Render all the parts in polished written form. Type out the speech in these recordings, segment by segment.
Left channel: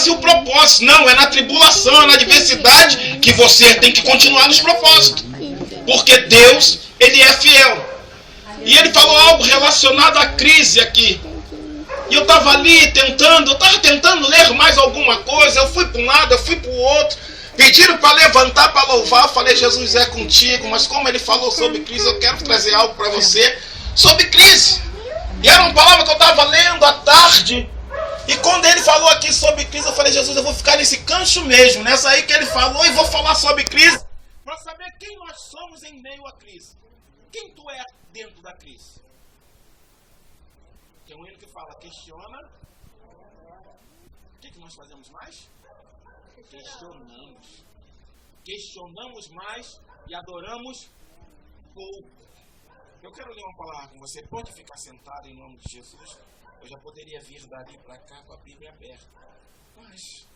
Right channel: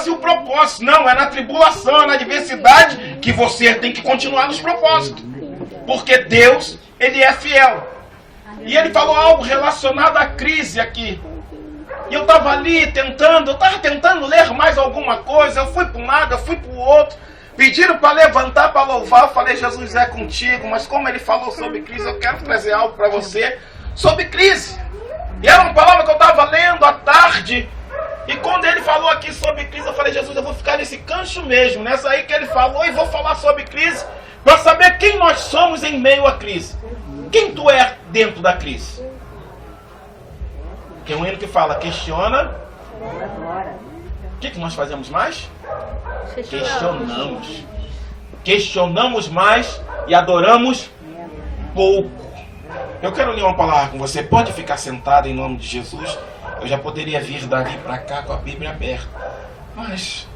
fazia o propósito. Não, é na tribulação, é na adversidade que você tem que continuar nos propósitos. Porque Deus, Ele é fiel. E Ele falou algo relacionado à crise aqui. E eu estava ali tentando ler mais alguma coisa. Eu fui para um lado, eu fui para o outro. Pediram para levantar, para louvar. Eu falei, Jesus é contigo. Mas como Ele falou sobre crise, eu quero trazer algo para você sobre crise. E era uma palavra que eu estava lendo à tarde. E quando Ele falou aqui sobre crise, eu falei, Jesus, eu vou ficar nesse gancho mesmo. Nessa aí que Ele falou, e vou falar sobre crise. Para saber quem nós somos em meio à crise. Quem tu é dentro da crise? Tem um hino que fala, questiona. O que nós fazemos mais? Questionamos. Questionamos mais e adoramos pouco. Eu quero ler uma palavra com você. Pode ficar sentado em nome de Jesus. Eu já poderia vir dali para cá com a Bíblia aberta. Mas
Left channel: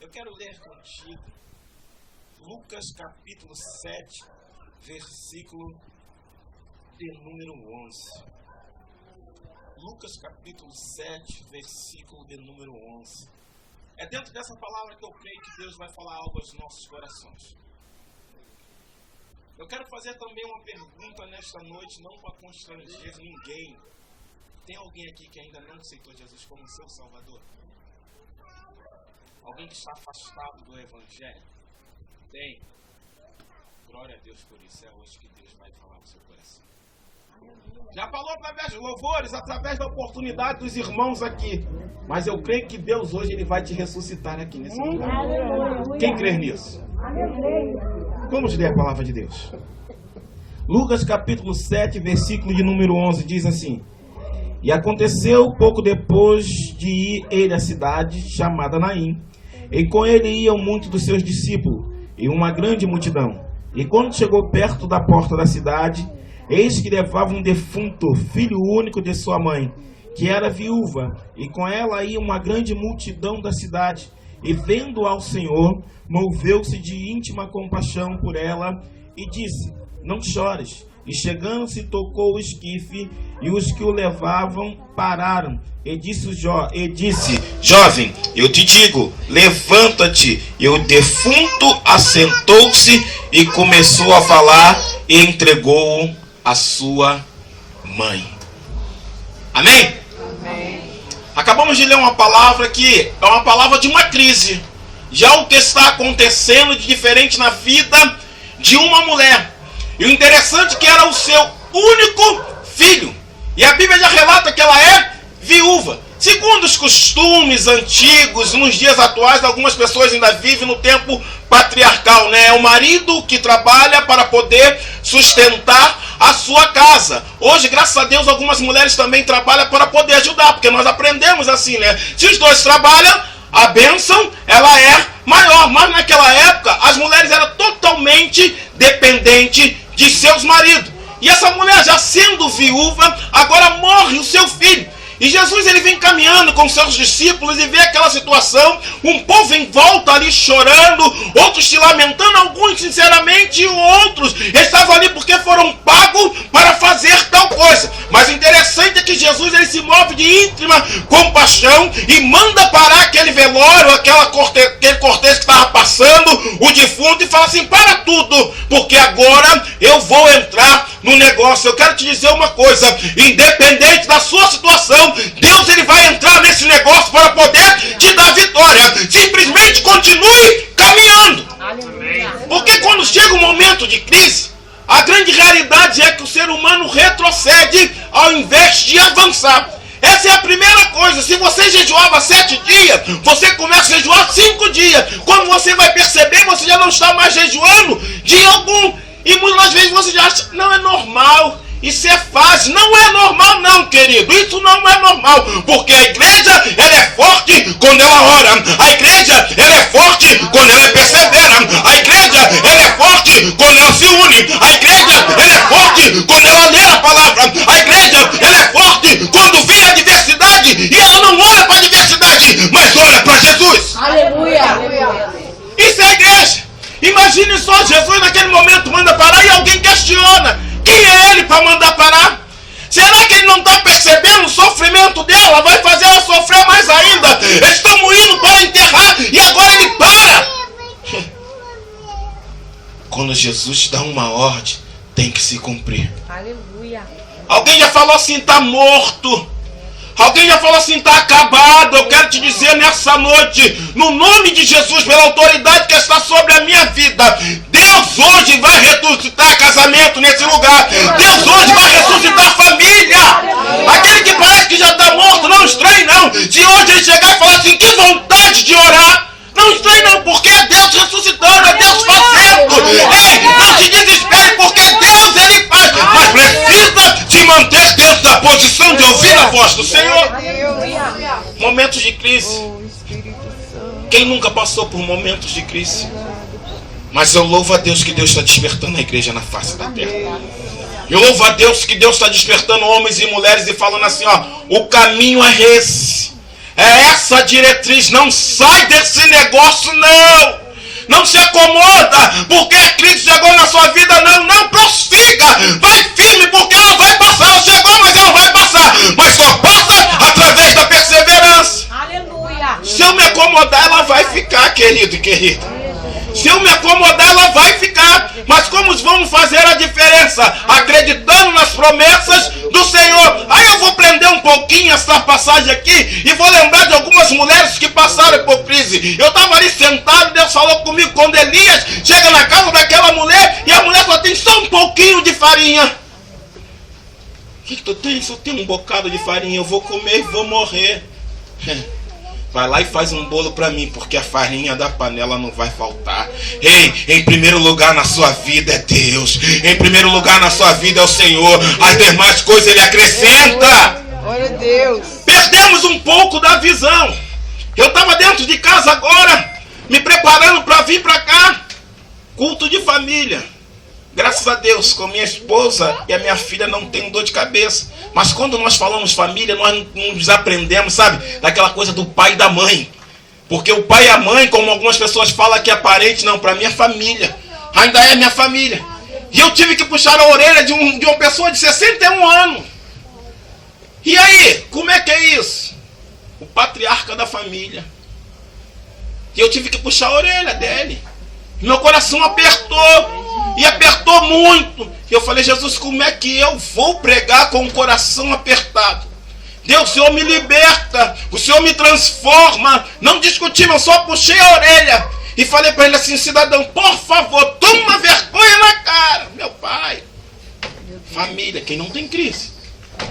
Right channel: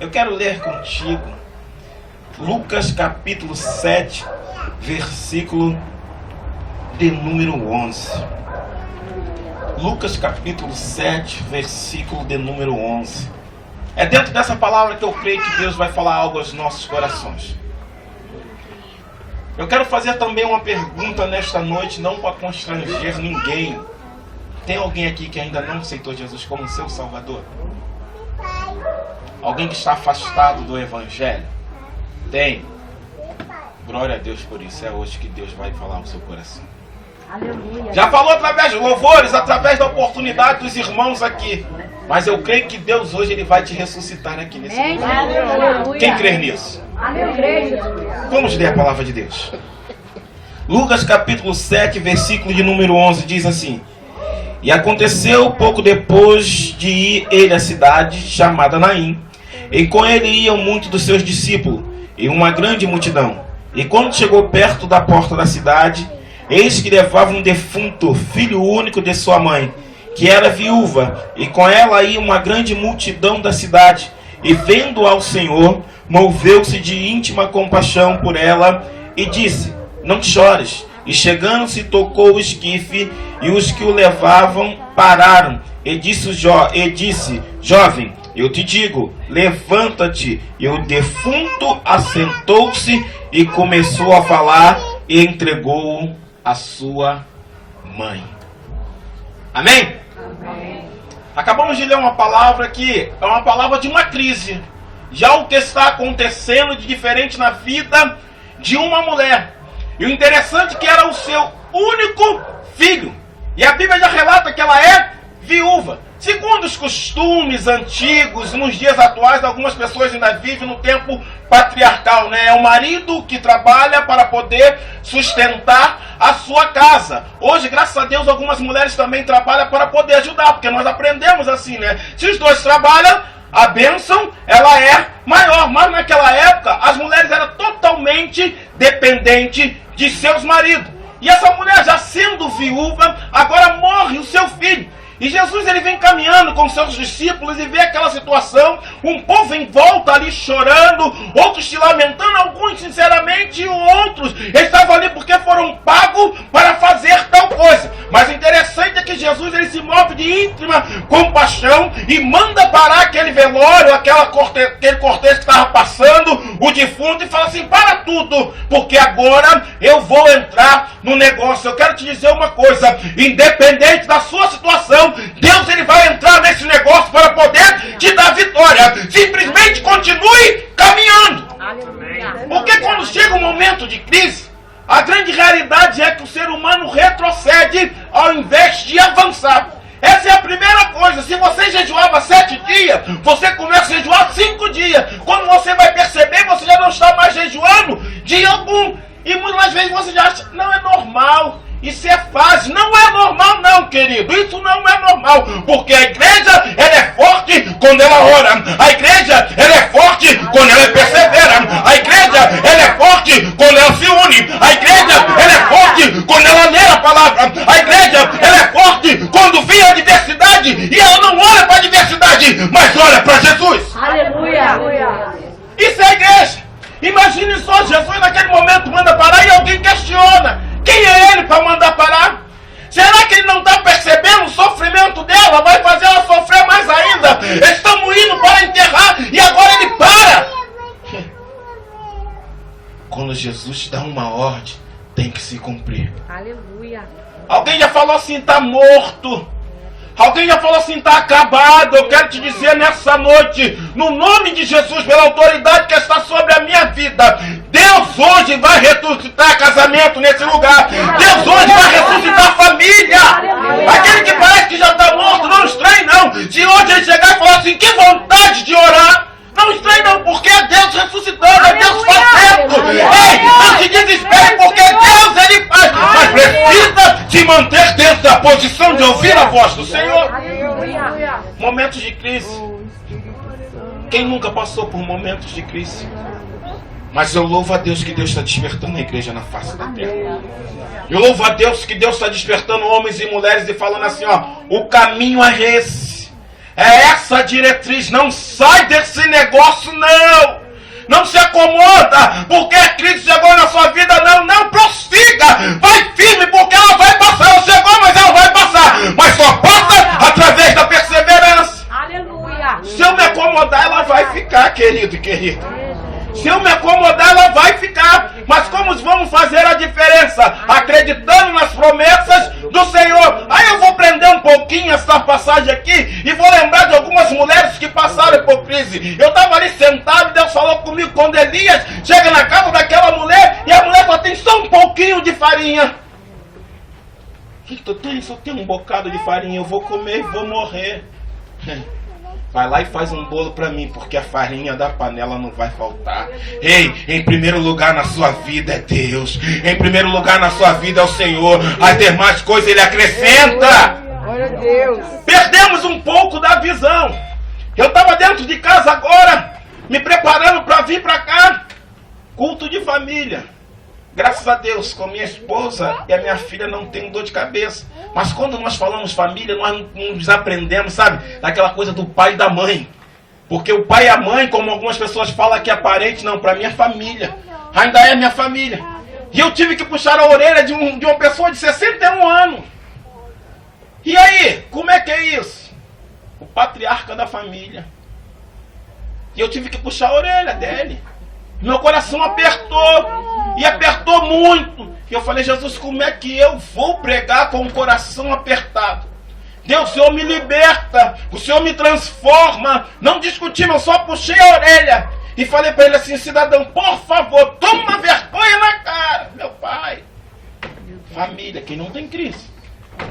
eu quero ler contigo Lucas capítulo 7, versículo de número 11. Lucas capítulo 7, versículo de número 11. É dentro dessa palavra que eu creio que Deus vai falar algo aos nossos corações. Eu quero fazer também uma pergunta nesta noite, não para constranger ninguém. Tem alguém aqui que ainda não aceitou Jesus como seu Salvador? Alguém que está afastado do Evangelho? Tem. Glória a Deus por isso. É hoje que Deus vai falar ao seu coração. Aleluia. Já falou através de louvores, através da oportunidade dos irmãos aqui. Mas eu creio que Deus hoje Ele vai te ressuscitar aqui nesse lugar. Aleluia. Quem crê nisso? Aleluia. Vamos ler a palavra de Deus. Lucas capítulo 7, versículo de número 11 diz assim: E aconteceu pouco depois de ir ele à cidade chamada Naim, e com ele iam muitos dos seus discípulos e uma grande multidão. E quando chegou perto da porta da cidade, eis que levava um defunto, filho único de sua mãe, que era viúva, e com ela ia uma grande multidão da cidade. E vendo ao Senhor, moveu-se de íntima compaixão por ela, e disse: Não chores. E chegando-se, tocou o esquife, e os que o levavam pararam. E disse: Jovem, eu te digo, levanta-te. E o defunto assentou-se e começou a falar, e entregou-o a sua mãe. Amém? Amém? Acabamos de ler uma palavra que é uma palavra de uma crise. Já o que está acontecendo de diferente na vida de uma mulher. E o interessante é que era o seu único filho. E a Bíblia já relata que ela é viúva. Segundo os costumes antigos, nos dias atuais, algumas pessoas ainda vivem no tempo patriarcal, né? É o marido que trabalha para poder sustentar a sua casa. Hoje, graças a Deus, algumas mulheres também trabalham para poder ajudar, porque nós aprendemos assim, né? Se os dois trabalham, a bênção, ela é maior. Mas naquela época, as mulheres eram totalmente dependentes de seus maridos. E essa mulher, já sendo viúva, agora morre o seu filho. E Jesus, ele vem caminhando com seus discípulos e vê aquela situação, um povo em volta ali chorando, outros se lamentando, alguns sinceramente, e outros estavam ali porque foram pagos para fazer tal coisa. Mas o interessante é que Jesus, ele se move de íntima compaixão e manda parar aquele velório, aquele cortejo que estava passando, o defunto, e fala assim: para tudo, porque agora eu vou entrar no negócio. Eu quero te dizer uma coisa, independente da sua situação, Deus, ele vai entrar nesse negócio para poder te dar vitória. Simplesmente continue caminhando. Amém. Porque quando chega um momento de crise, a grande realidade é que o ser humano retrocede ao invés de avançar. Essa é a primeira coisa. Se você jejuava 7 dias, você começa a jejuar 5 dias. Quando você vai perceber, você já não está mais jejuando dia algum. E muitas vezes você já acha: não é normal, isso é fácil. Não é normal não, querido. Isso não é normal. Porque a igreja, ela é forte quando ela ora. A igreja, ela é forte quando ela persevera. A igreja, ela é forte quando ela se une. A igreja, ela é forte quando ela lê a palavra. A igreja, ela é forte quando vê a adversidade. E ela não olha para a adversidade, mas olha para Jesus. Aleluia. Isso é a igreja. Imagine só, Jesus naquele momento manda parar e alguém questiona: quem é ele para mandar parar? Será que ele não está percebendo o sofrimento dela? Vai fazer ela sofrer mais ainda. Estamos indo Jesus dá uma ordem, tem que se cumprir. Aleluia. Alguém já falou assim, está morto. Alguém já falou assim, está acabado. Eu quero te dizer nessa noite, no nome de Jesus, pela autoridade que está sobre a minha vida, Deus hoje vai ressuscitar casamento nesse lugar. Deus hoje vai ressuscitar família. Aquele que parece que já está morto, não estranhe não. Se hoje ele chegar e falar assim, que vontade de orar, não estranhe não, porque é Deus ressuscitando, é Deus fazendo. Ei, não se desespere, porque Deus ele faz. Mas precisa se manter dentro da posição de ouvir a voz do Senhor. Momentos de crise. Quem nunca passou por momentos de crise? Mas eu louvo a Deus que Deus está despertando a igreja na face da terra. Eu louvo a Deus que Deus está despertando homens e mulheres e falando assim, ó, o caminho é esse. É essa diretriz, não sai desse negócio não. Não se acomoda, porque a crise chegou na sua vida, não prossiga. Vai firme, porque ela vai passar. Ela chegou, mas ela vai passar. Mas só passa através da perseverança. Aleluia. Se eu me acomodar, ela vai ficar, querido e querida. Se eu me acomodar, ela vai ficar. Mas como vamos fazer a diferença? Acreditando nas promessas do Senhor. Aí eu vou prender um pouquinho essa passagem aqui e vou lembrar de algumas mulheres que passaram por crise. Eu estava ali sentado, Deus falou comigo quando Elias chega na casa daquela mulher e a mulher só tem só um pouquinho de farinha. O que tu tem? Só tem um bocado de farinha. Eu vou comer e vou morrer. Vai lá e faz um bolo para mim, porque a farinha da panela não vai faltar. Ei, em primeiro lugar na sua vida é Deus. Em primeiro lugar na sua vida é o Senhor. As demais coisas Ele acrescenta. Glória a Deus. Perdemos um pouco da visão. Eu estava dentro de casa agora, me preparando para vir para cá. Culto de família. Graças a Deus, com minha esposa e a minha filha não tenho dor de cabeça. Mas quando nós falamos família, nós não desaprendemos, sabe? Daquela coisa do pai e da mãe. Porque o pai e a mãe, como algumas pessoas falam que é parente, não, para mim é família. Ainda é minha família. E eu tive que puxar a orelha de uma pessoa de 61 anos. E aí, como é que é isso? O patriarca da família. E eu tive que puxar a orelha dele. Meu coração apertou. E apertou muito. E eu falei, Jesus, como é que eu vou pregar com o coração apertado? Deus, o Senhor me liberta. O Senhor me transforma. Não discutimos, eu só puxei a orelha. E falei para ele assim, cidadão, por favor, toma vergonha na cara. Meu pai. Família, quem não tem crise.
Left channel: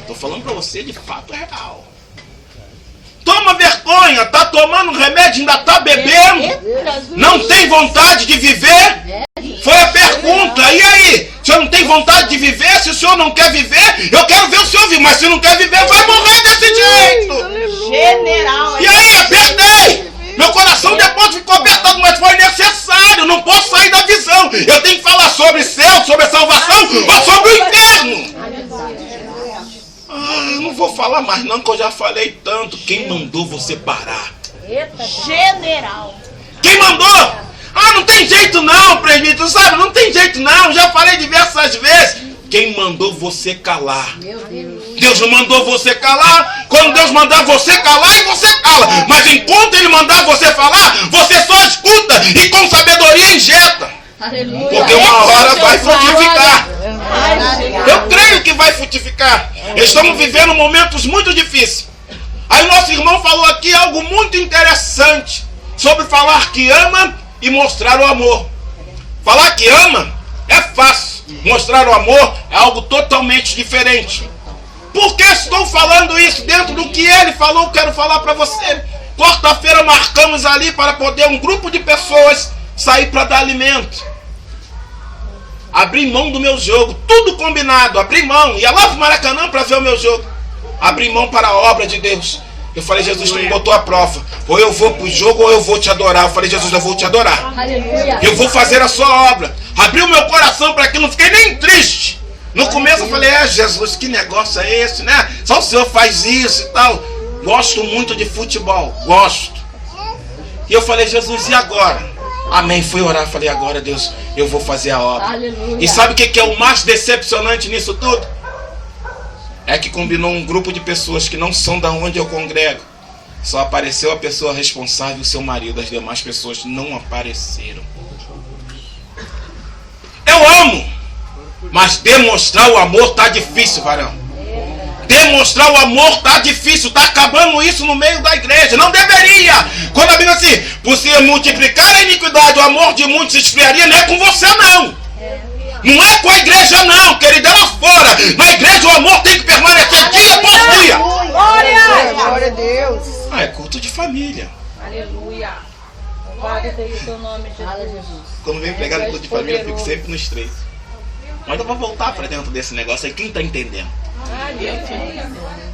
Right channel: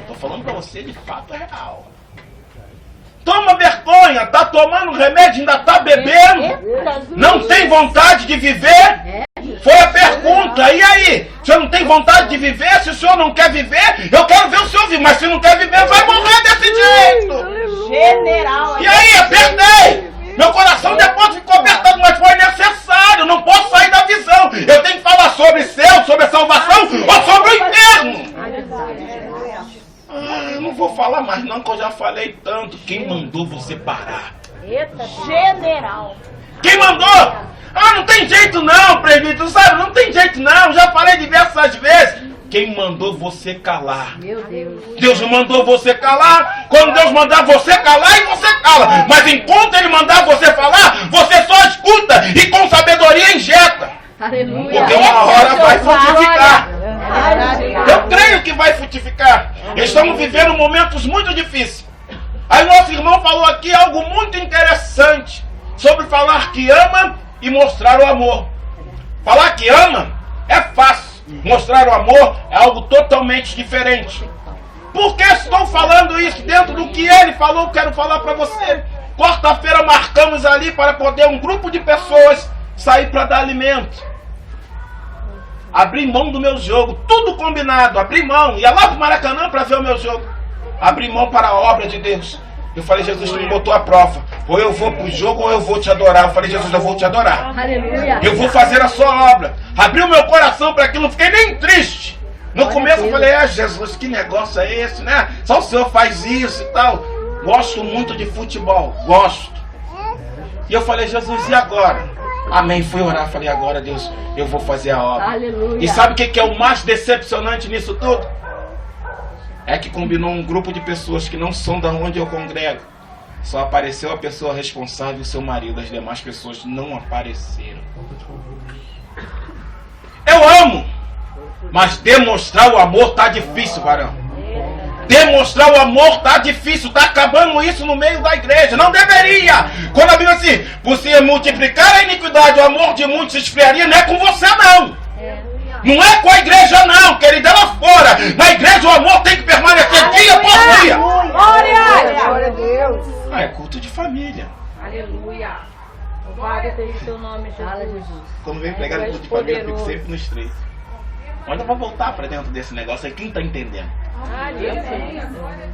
Estou falando para você, de fato é real. Toma vergonha, tá tomando remédio, ainda tá bebendo. Não tem vontade de viver? Foi a pergunta. E aí? O senhor não tem vontade de viver? Se o senhor não quer viver, eu quero ver o senhor viver. Mas se não quer viver, vai morrer desse jeito. General. E aí, apertei. Meu coração depois ficou apertado, mas foi necessário. Não posso sair da visão. Eu tenho que falar sobre céu, sobre a salvação ou sobre o inferno. Eu não vou falar mais não, que eu já falei tanto. Quem mandou você parar? General. Quem mandou? Não tem jeito não, presbítero, sabe? Não tem jeito não, já falei diversas vezes. Quem mandou você calar? Meu Deus. Deus não mandou você calar. Quando Deus mandar você calar, e você cala. Mas enquanto Ele mandar você falar, você só escuta e com sabedoria injeta. Aleluia. Porque uma hora vai frutificar. Eu creio que vai frutificar. Estamos vivendo momentos muito difíceis. Aí nosso irmão falou aqui algo muito interessante sobre falar que ama e mostrar o amor. Falar que ama é fácil. Mostrar o amor é algo totalmente diferente. Por que estou falando isso? Dentro do que ele falou, quero falar para você. Quarta-feira marcamos ali para poder um grupo de pessoas sair para dar alimento. Abri mão do meu jogo, tudo combinado, abri mão. Ia lá pro Maracanã para ver o meu jogo. Abri mão para a obra de Deus. Eu falei, Jesus, tu me botou à prova. Ou eu vou pro jogo ou eu vou te adorar. Eu falei, Jesus, eu vou te adorar. Aleluia. Eu vou fazer a sua obra. Abri o meu coração para aquilo, não fiquei nem triste. No começo eu falei, Jesus, que negócio é esse, né? Só o Senhor faz isso e tal. Gosto muito de futebol, gosto. E eu falei, Jesus, e agora? Amém, fui orar, falei, agora Deus, eu vou fazer a obra. Aleluia. E sabe o que é o mais decepcionante nisso tudo? É que combinou um grupo de pessoas que não são da onde eu congrego. Só apareceu a pessoa responsável, o seu marido. As demais pessoas não apareceram. eu amo. Mas demonstrar o amor tá difícil, varão. Demonstrar o amor tá difícil. Tá acabando isso no meio da igreja. Não deveria. Quando a Bíblia diz assim, por se multiplicar a iniquidade, o amor de muitos se esfriaria, não é com você não. Não é com a igreja não, querida, é lá fora. Na igreja o amor tem que permanecer dia por dia. Glória a Deus. É culto de família. Aleluia. Louvado seja o teu nome, Jesus. Quando vem pregar no culto de família, eu fico sempre no estreito. Mas eu vou voltar para dentro desse negócio aí. Quem está entendendo?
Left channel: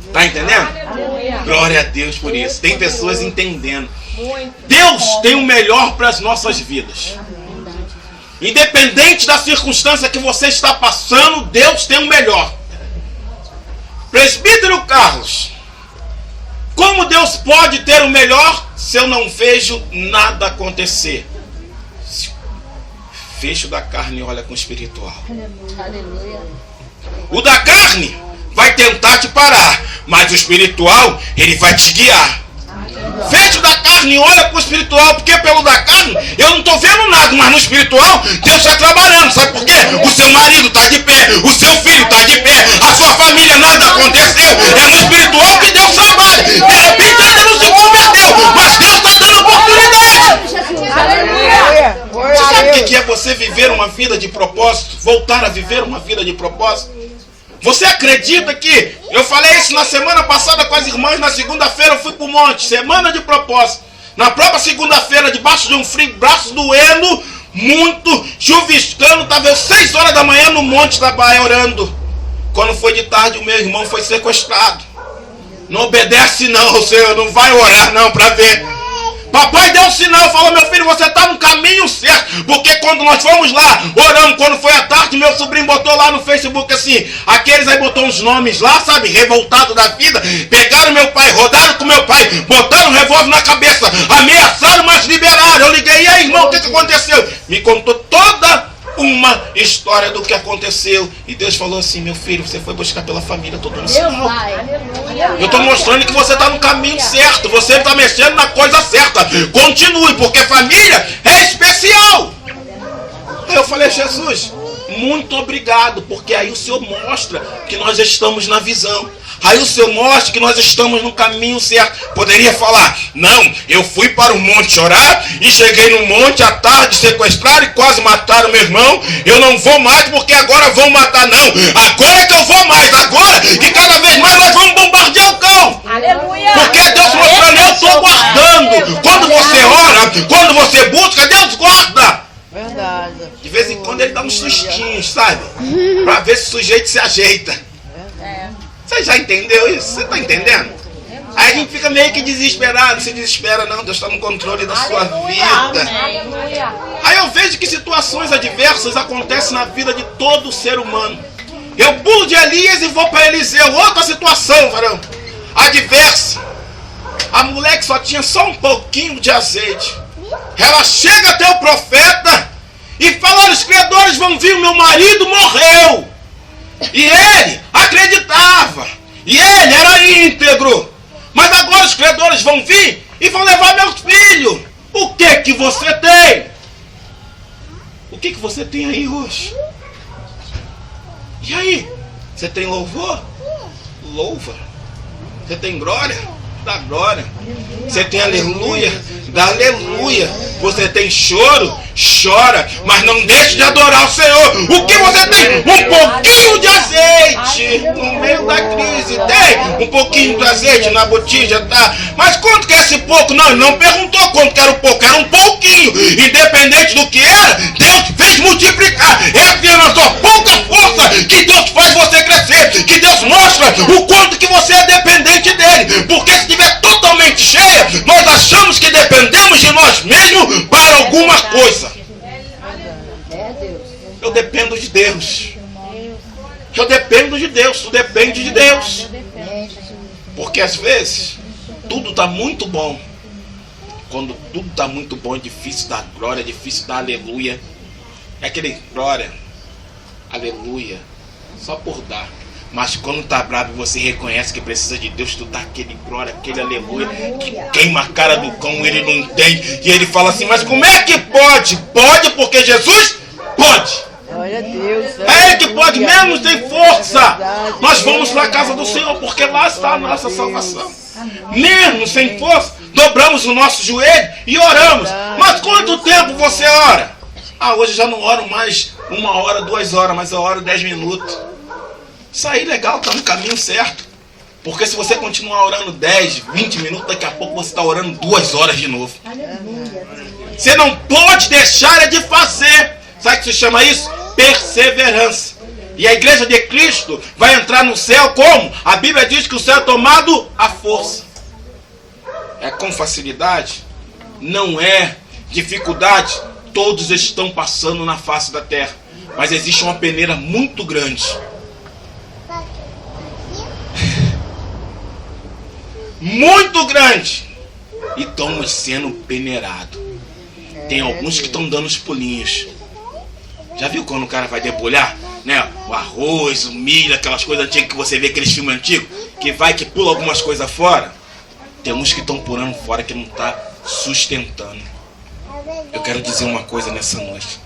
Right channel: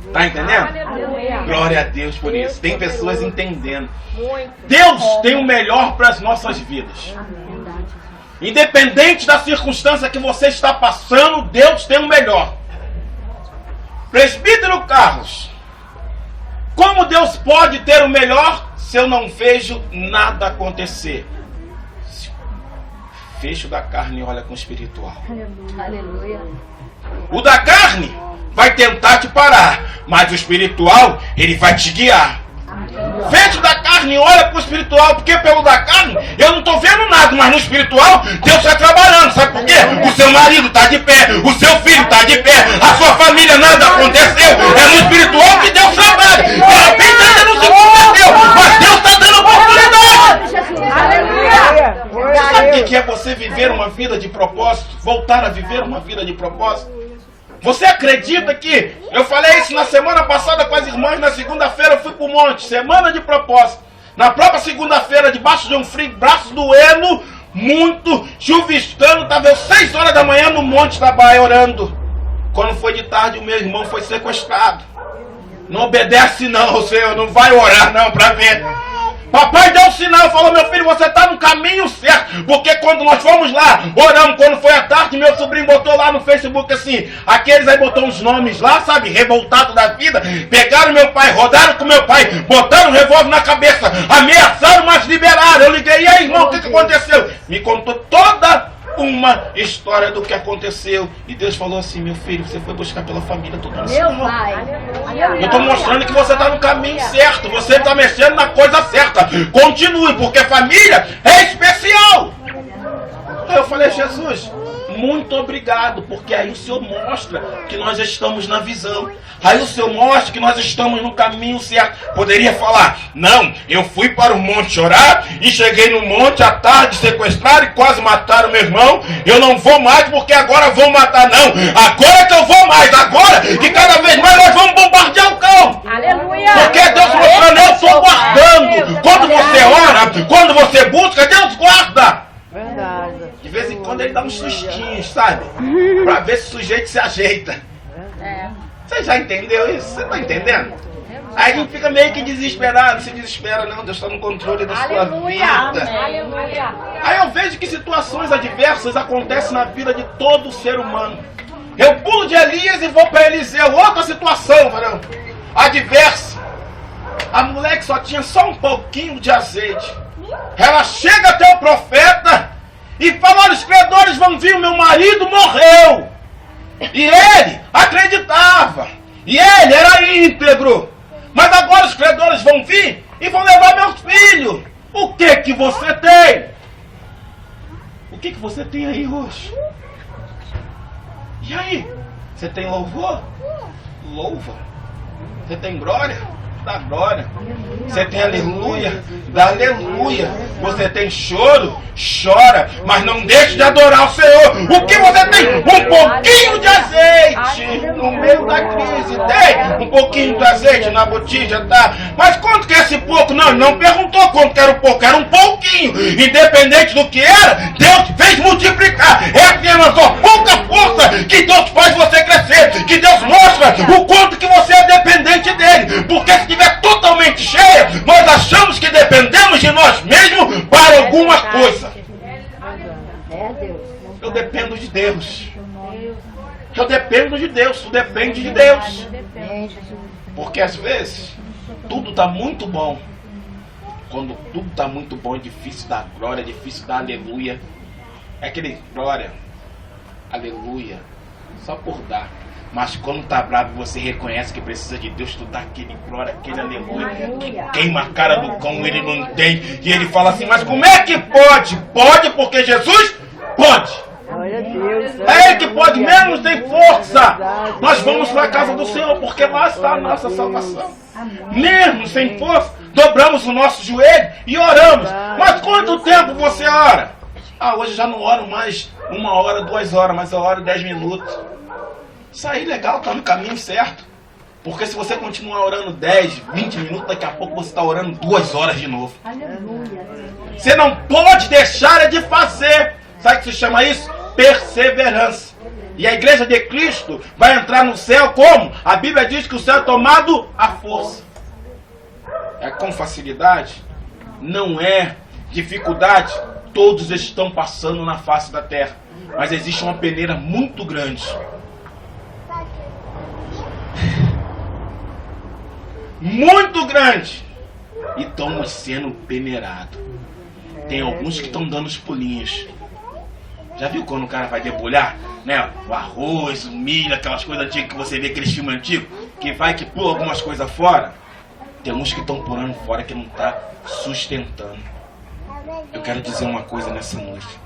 Está entendendo? Glória a Deus por isso. Tem pessoas entendendo. Deus tem o melhor para as nossas vidas. Independente da circunstância que você está passando, Deus tem o melhor. Presbítero Carlos, como Deus pode ter o melhor se eu não vejo nada acontecer? Fecho da carne e olha com o espiritual. Aleluia. O da carne vai tentar te parar, mas o espiritual, ele vai te guiar. Fecho da carne e olha para o espiritual, porque pelo da carne eu não estou vendo nada, mas no espiritual Deus está trabalhando. Sabe por quê? O seu marido está de pé, o seu filho está de pé, a sua família, nada aconteceu. É no espiritual que Deus trabalha. De repente ainda não se converteu, mas Deus está dando oportunidade. Aleluia. Sabe o que é você viver uma vida de propósito? Voltar a viver uma vida de propósito? Você acredita que eu falei isso na semana passada com as irmãs? Na segunda-feira eu fui para o monte, semana de propósito. Na própria segunda-feira, debaixo de um frio, braço doendo, muito, chuviscando, estava eu 6 horas da manhã no monte da Bahia orando. Quando foi de tarde, o meu irmão foi sequestrado. Não obedece não, Senhor, não vai orar não para ver. Papai deu um sinal, falou, meu filho, você está no caminho certo. Porque quando nós fomos lá, oramos, quando foi à tarde, meu sobrinho botou lá no Facebook assim, aqueles aí botou uns nomes lá, sabe, revoltado da vida, pegaram meu pai, rodaram com meu pai, botaram um revólver na cabeça, ameaçaram, mas liberaram. Eu liguei, e aí, irmão, o que aconteceu? Me contou toda uma história do que aconteceu. E Deus falou assim, meu filho, você foi buscar pela família, todo mundo sinal. Eu estou mostrando que você está no caminho certo. Você está mexendo na coisa certa. Continue, porque família é especial. Aí eu falei, Jesus, muito obrigado, porque aí o Senhor mostra que nós estamos na visão. Aí o Senhor mostra que nós estamos no caminho certo. Poderia falar, não, eu fui para o monte orar e cheguei no monte à tarde, sequestraram e quase mataram meu irmão. Eu não vou mais porque agora vão matar, não. Agora é que eu vou mais, agora que cada vez mais nós vamos bombardear o campo. Aleluia. Porque Deus mostrando, eu estou guardando. Quando você ora, quando você busca, Deus guarda. Verdade. De vez em quando ele dá uns sustinhos, sabe? Para ver se o sujeito se ajeita. Você já entendeu isso? Você está entendendo? Aí a gente fica meio que desesperado. Não se desespera não, Deus está no controle da sua vida. Aleluia. Aí eu vejo que situações adversas acontecem na vida de todo ser humano. Eu pulo de Elias e vou para Eliseu. Outra situação, varão, adversa. A mulher que só tinha só um pouquinho de azeite, ela chega até o profeta e fala, olha, os credores vão vir, o meu marido morreu. E ele acreditava. E ele era íntegro. Mas agora os credores vão vir e vão levar meus filhos. O que você tem? O que você tem aí hoje? E aí? Você tem louvor? Louva. Você tem glória? Dá glória. Você tem aleluia? Dá aleluia. Você tem choro? Chora. Mas não deixe de adorar o Senhor. O que você tem? Um pouquinho de azeite. No meio da crise. Tem um pouquinho de azeite na botija, tá? Mas quanto que é esse pouco? Não, ele não perguntou quanto que era o pouco. Era um pouquinho. Independente do que era, Deus fez multiplicar. É apenas só pouca força que Deus faz você crescer. Que Deus mostra o quanto que você é dependente dele. Porque se estiver totalmente cheia, nós achamos que dependemos de nós mesmos para alguma coisa. Eu dependo de Deus. Eu dependo de Deus. Tu depende de Deus. Porque às vezes tudo está muito bom. Quando tudo está muito bom, é difícil dar glória, é difícil dar aleluia. É aquele glória, aleluia, só por dar. Mas quando tá bravo, você reconhece que precisa de Deus, tu dá aquele glória, aquele aleluia, que queima a cara do cão, ele não entende. E ele fala assim, mas como é que pode? Pode porque Jesus pode. Glória a Deus. É Ele que pode, mesmo sem força. Nós vamos para a casa do Senhor, porque lá está a nossa salvação. Mesmo sem força, dobramos o nosso joelho e oramos. Mas quanto tempo você ora? Ah, hoje já não oro mais 1 hora, 2 horas, mas eu oro 10 minutos. Isso aí legal, está no caminho certo. Porque se você continuar orando 10, 20 minutos, daqui a pouco você está orando 2 horas de novo. Você não pode deixar de fazer. Sabe o que se chama isso? Perseverança. E a igreja de Cristo vai entrar no céu como? A Bíblia diz que o céu é tomado à força. É com facilidade? Não é dificuldade. Todos estão passando na face da terra. Mas existe uma peneira muito grande. Muito grande. E estamos sendo peneirados. Tem alguns que estão dando os pulinhos. Já viu quando o cara vai debulhar? Né? O arroz, o milho, aquelas coisas antigas que você vê, aqueles filmes antigos, que vai que pula algumas coisas fora. Tem uns que estão pulando fora que não está sustentando. Eu quero dizer uma coisa nessa noite.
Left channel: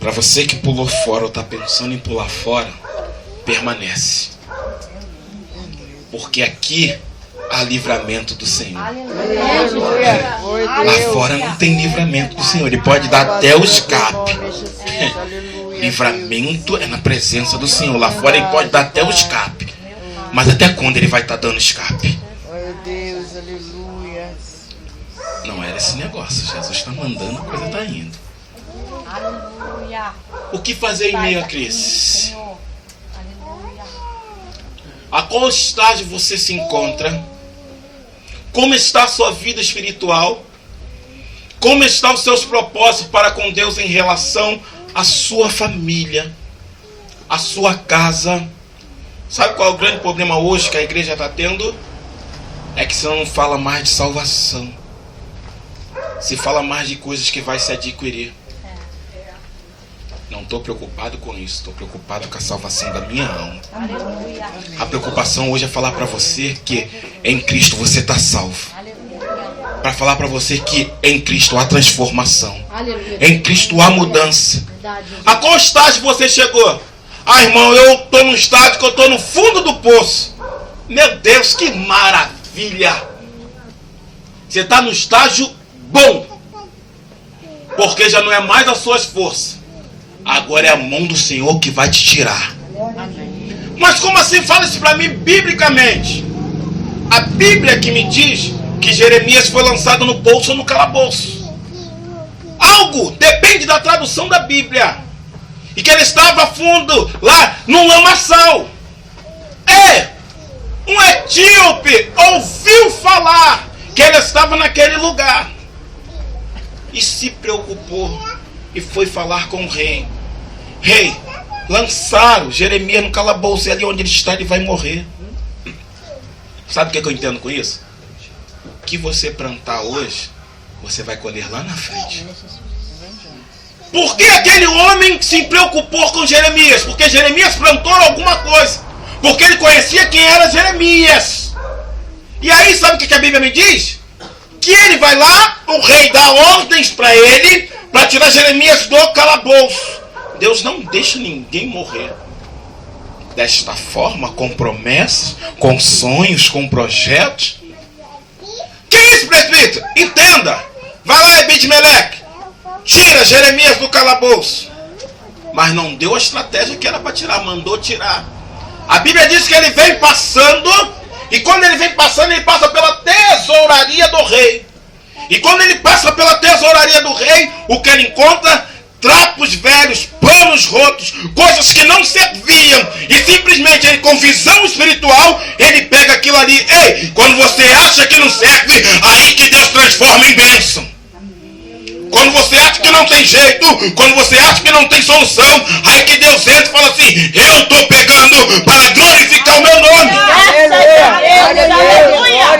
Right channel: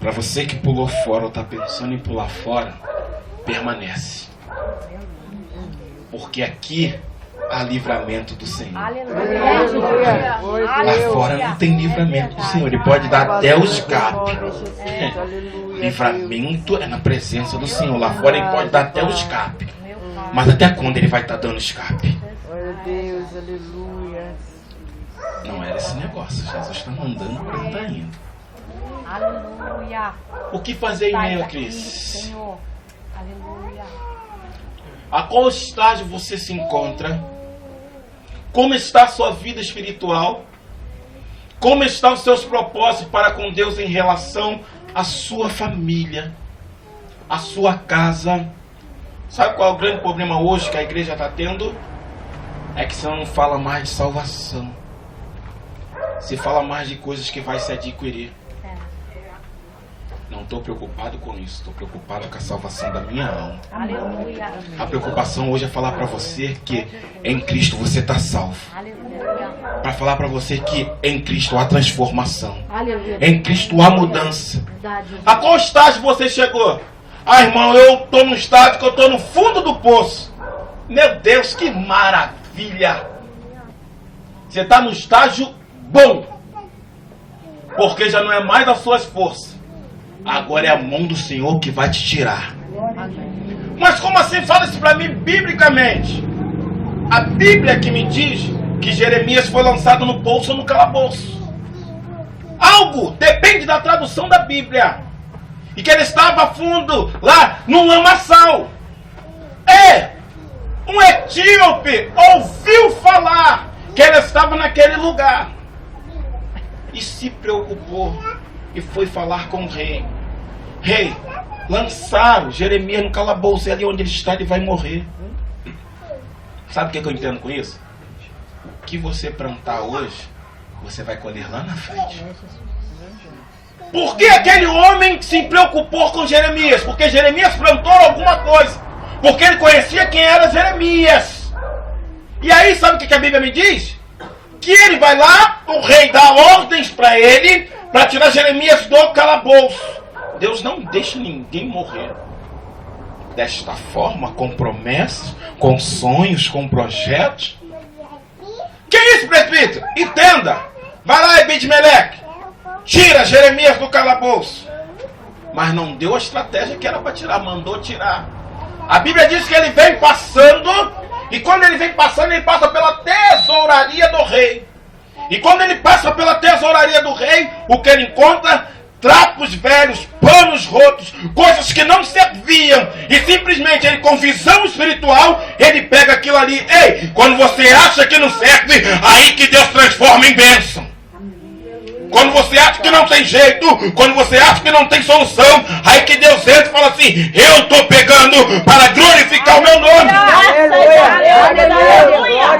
Para você que pulou fora ou está pensando em pular fora, permanece. Porque aqui há livramento do Senhor. Lá fora não tem livramento do Senhor. Ele pode dar até o escape. Livramento é na presença do Senhor. Lá fora ele pode dar até o escape. Mas até quando ele vai estar dando escape? Não era esse negócio. Jesus está mandando, a coisa está indo. O que fazer em meio à crise? A qual estágio você se encontra? Como está a sua vida espiritual? Como estão os seus propósitos para com Deus em relação à sua família, à sua casa? Sabe qual é o grande problema hoje que a igreja está tendo? É que você não fala mais de salvação. Se fala mais de coisas que vai se adquirir. Não estou preocupado com isso. Estou preocupado com a salvação da minha alma. A preocupação hoje é falar para você que em Cristo você está salvo. Para falar para você que em Cristo há transformação. Em Cristo há mudança. A qual estágio você chegou? Ah, irmão, eu estou no estágio que eu estou no fundo do poço. Meu Deus, que maravilha! Você está no estágio bom. Porque já não é mais as suas forças. Agora é a mão do Senhor que vai te tirar. Mas como assim? Fala isso para mim biblicamente. A Bíblia que me diz que Jeremias foi lançado no poço ou no calabouço. Algo depende da tradução da Bíblia. E que ele estava fundo lá num lamaçal. Um etíope ouviu falar que ele estava naquele lugar. E se preocupou. E foi falar com o rei. Rei, lançaram Jeremias no calabouço. E ali onde ele está, ele vai morrer. Sabe o que eu entendo com isso? O que você plantar hoje, você vai colher lá na frente. Por que aquele homem se preocupou com Jeremias? Porque Jeremias plantou alguma coisa. Porque ele conhecia quem era Jeremias. E aí, sabe o que a Bíblia me diz? Que ele vai lá, o rei dá ordens para ele, para tirar Jeremias do calabouço. Deus não deixa ninguém morrer. Desta forma, com promessas, com sonhos, com projetos. Que isso, presbítero? Entenda. Vai lá, Ebed-Meleque. Tira Jeremias do calabouço. Mas não deu a estratégia que era para tirar, mandou tirar. A Bíblia diz que ele vem passando, e quando ele vem passando, ele passa pela tesouraria do rei. E quando ele passa pela tesouraria do rei, o que ele encontra? Trapos velhos, panos rotos, coisas que não serviam. E simplesmente ele, com visão espiritual, ele pega aquilo ali. Ei, quando você acha que não serve, aí que Deus transforma em bênção. Quando você acha que não tem jeito, quando você acha que não tem solução, aí que Deus entra e fala assim: eu estou pegando para glorificar o meu nome.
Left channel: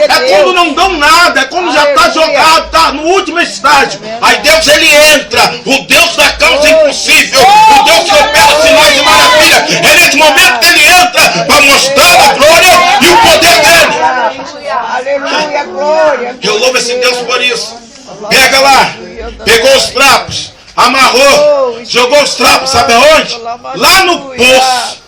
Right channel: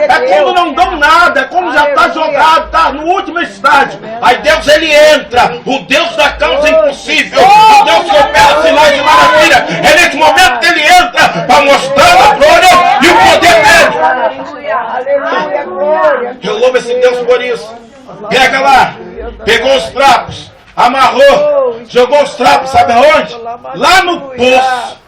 É quando não dão nada, é quando já está jogado, está no último estágio. Aí Deus, ele entra, o Deus da causa impossível, o Deus que opera sinais e maravilhas. É nesse momento que ele entra para mostrar a glória e o poder dele. Aleluia, glória. Eu louvo esse Deus por isso. Pega lá. Pegou os trapos, amarrou, jogou os trapos, sabe aonde? Lá no poço.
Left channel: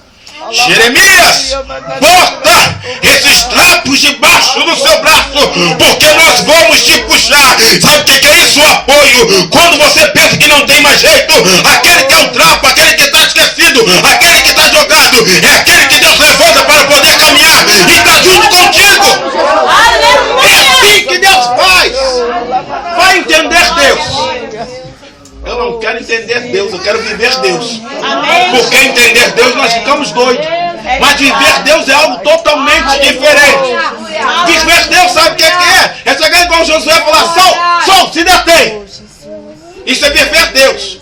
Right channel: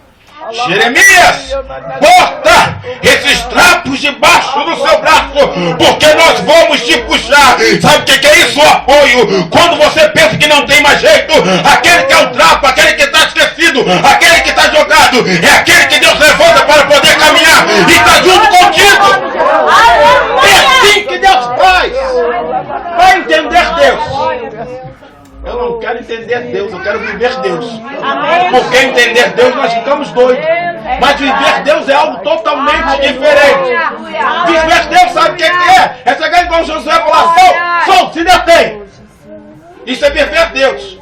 Jeremias, bota esses trapos debaixo do seu braço, porque nós vamos te puxar. Sabe o que é isso? O apoio. Quando você pensa que não tem mais jeito, aquele que é um trapo, aquele que está esquecido, aquele que está jogado, é aquele que Deus levanta para poder caminhar e está junto contigo. É assim que Deus faz. Vai entender Deus. Eu não quero entender Deus, eu quero viver Deus. Porque entender Deus nós ficamos doidos. Mas viver Deus é algo totalmente diferente. Viver Deus sabe o que é? É chegar igual Josué e falar, Sol, se detém. Isso é viver Deus.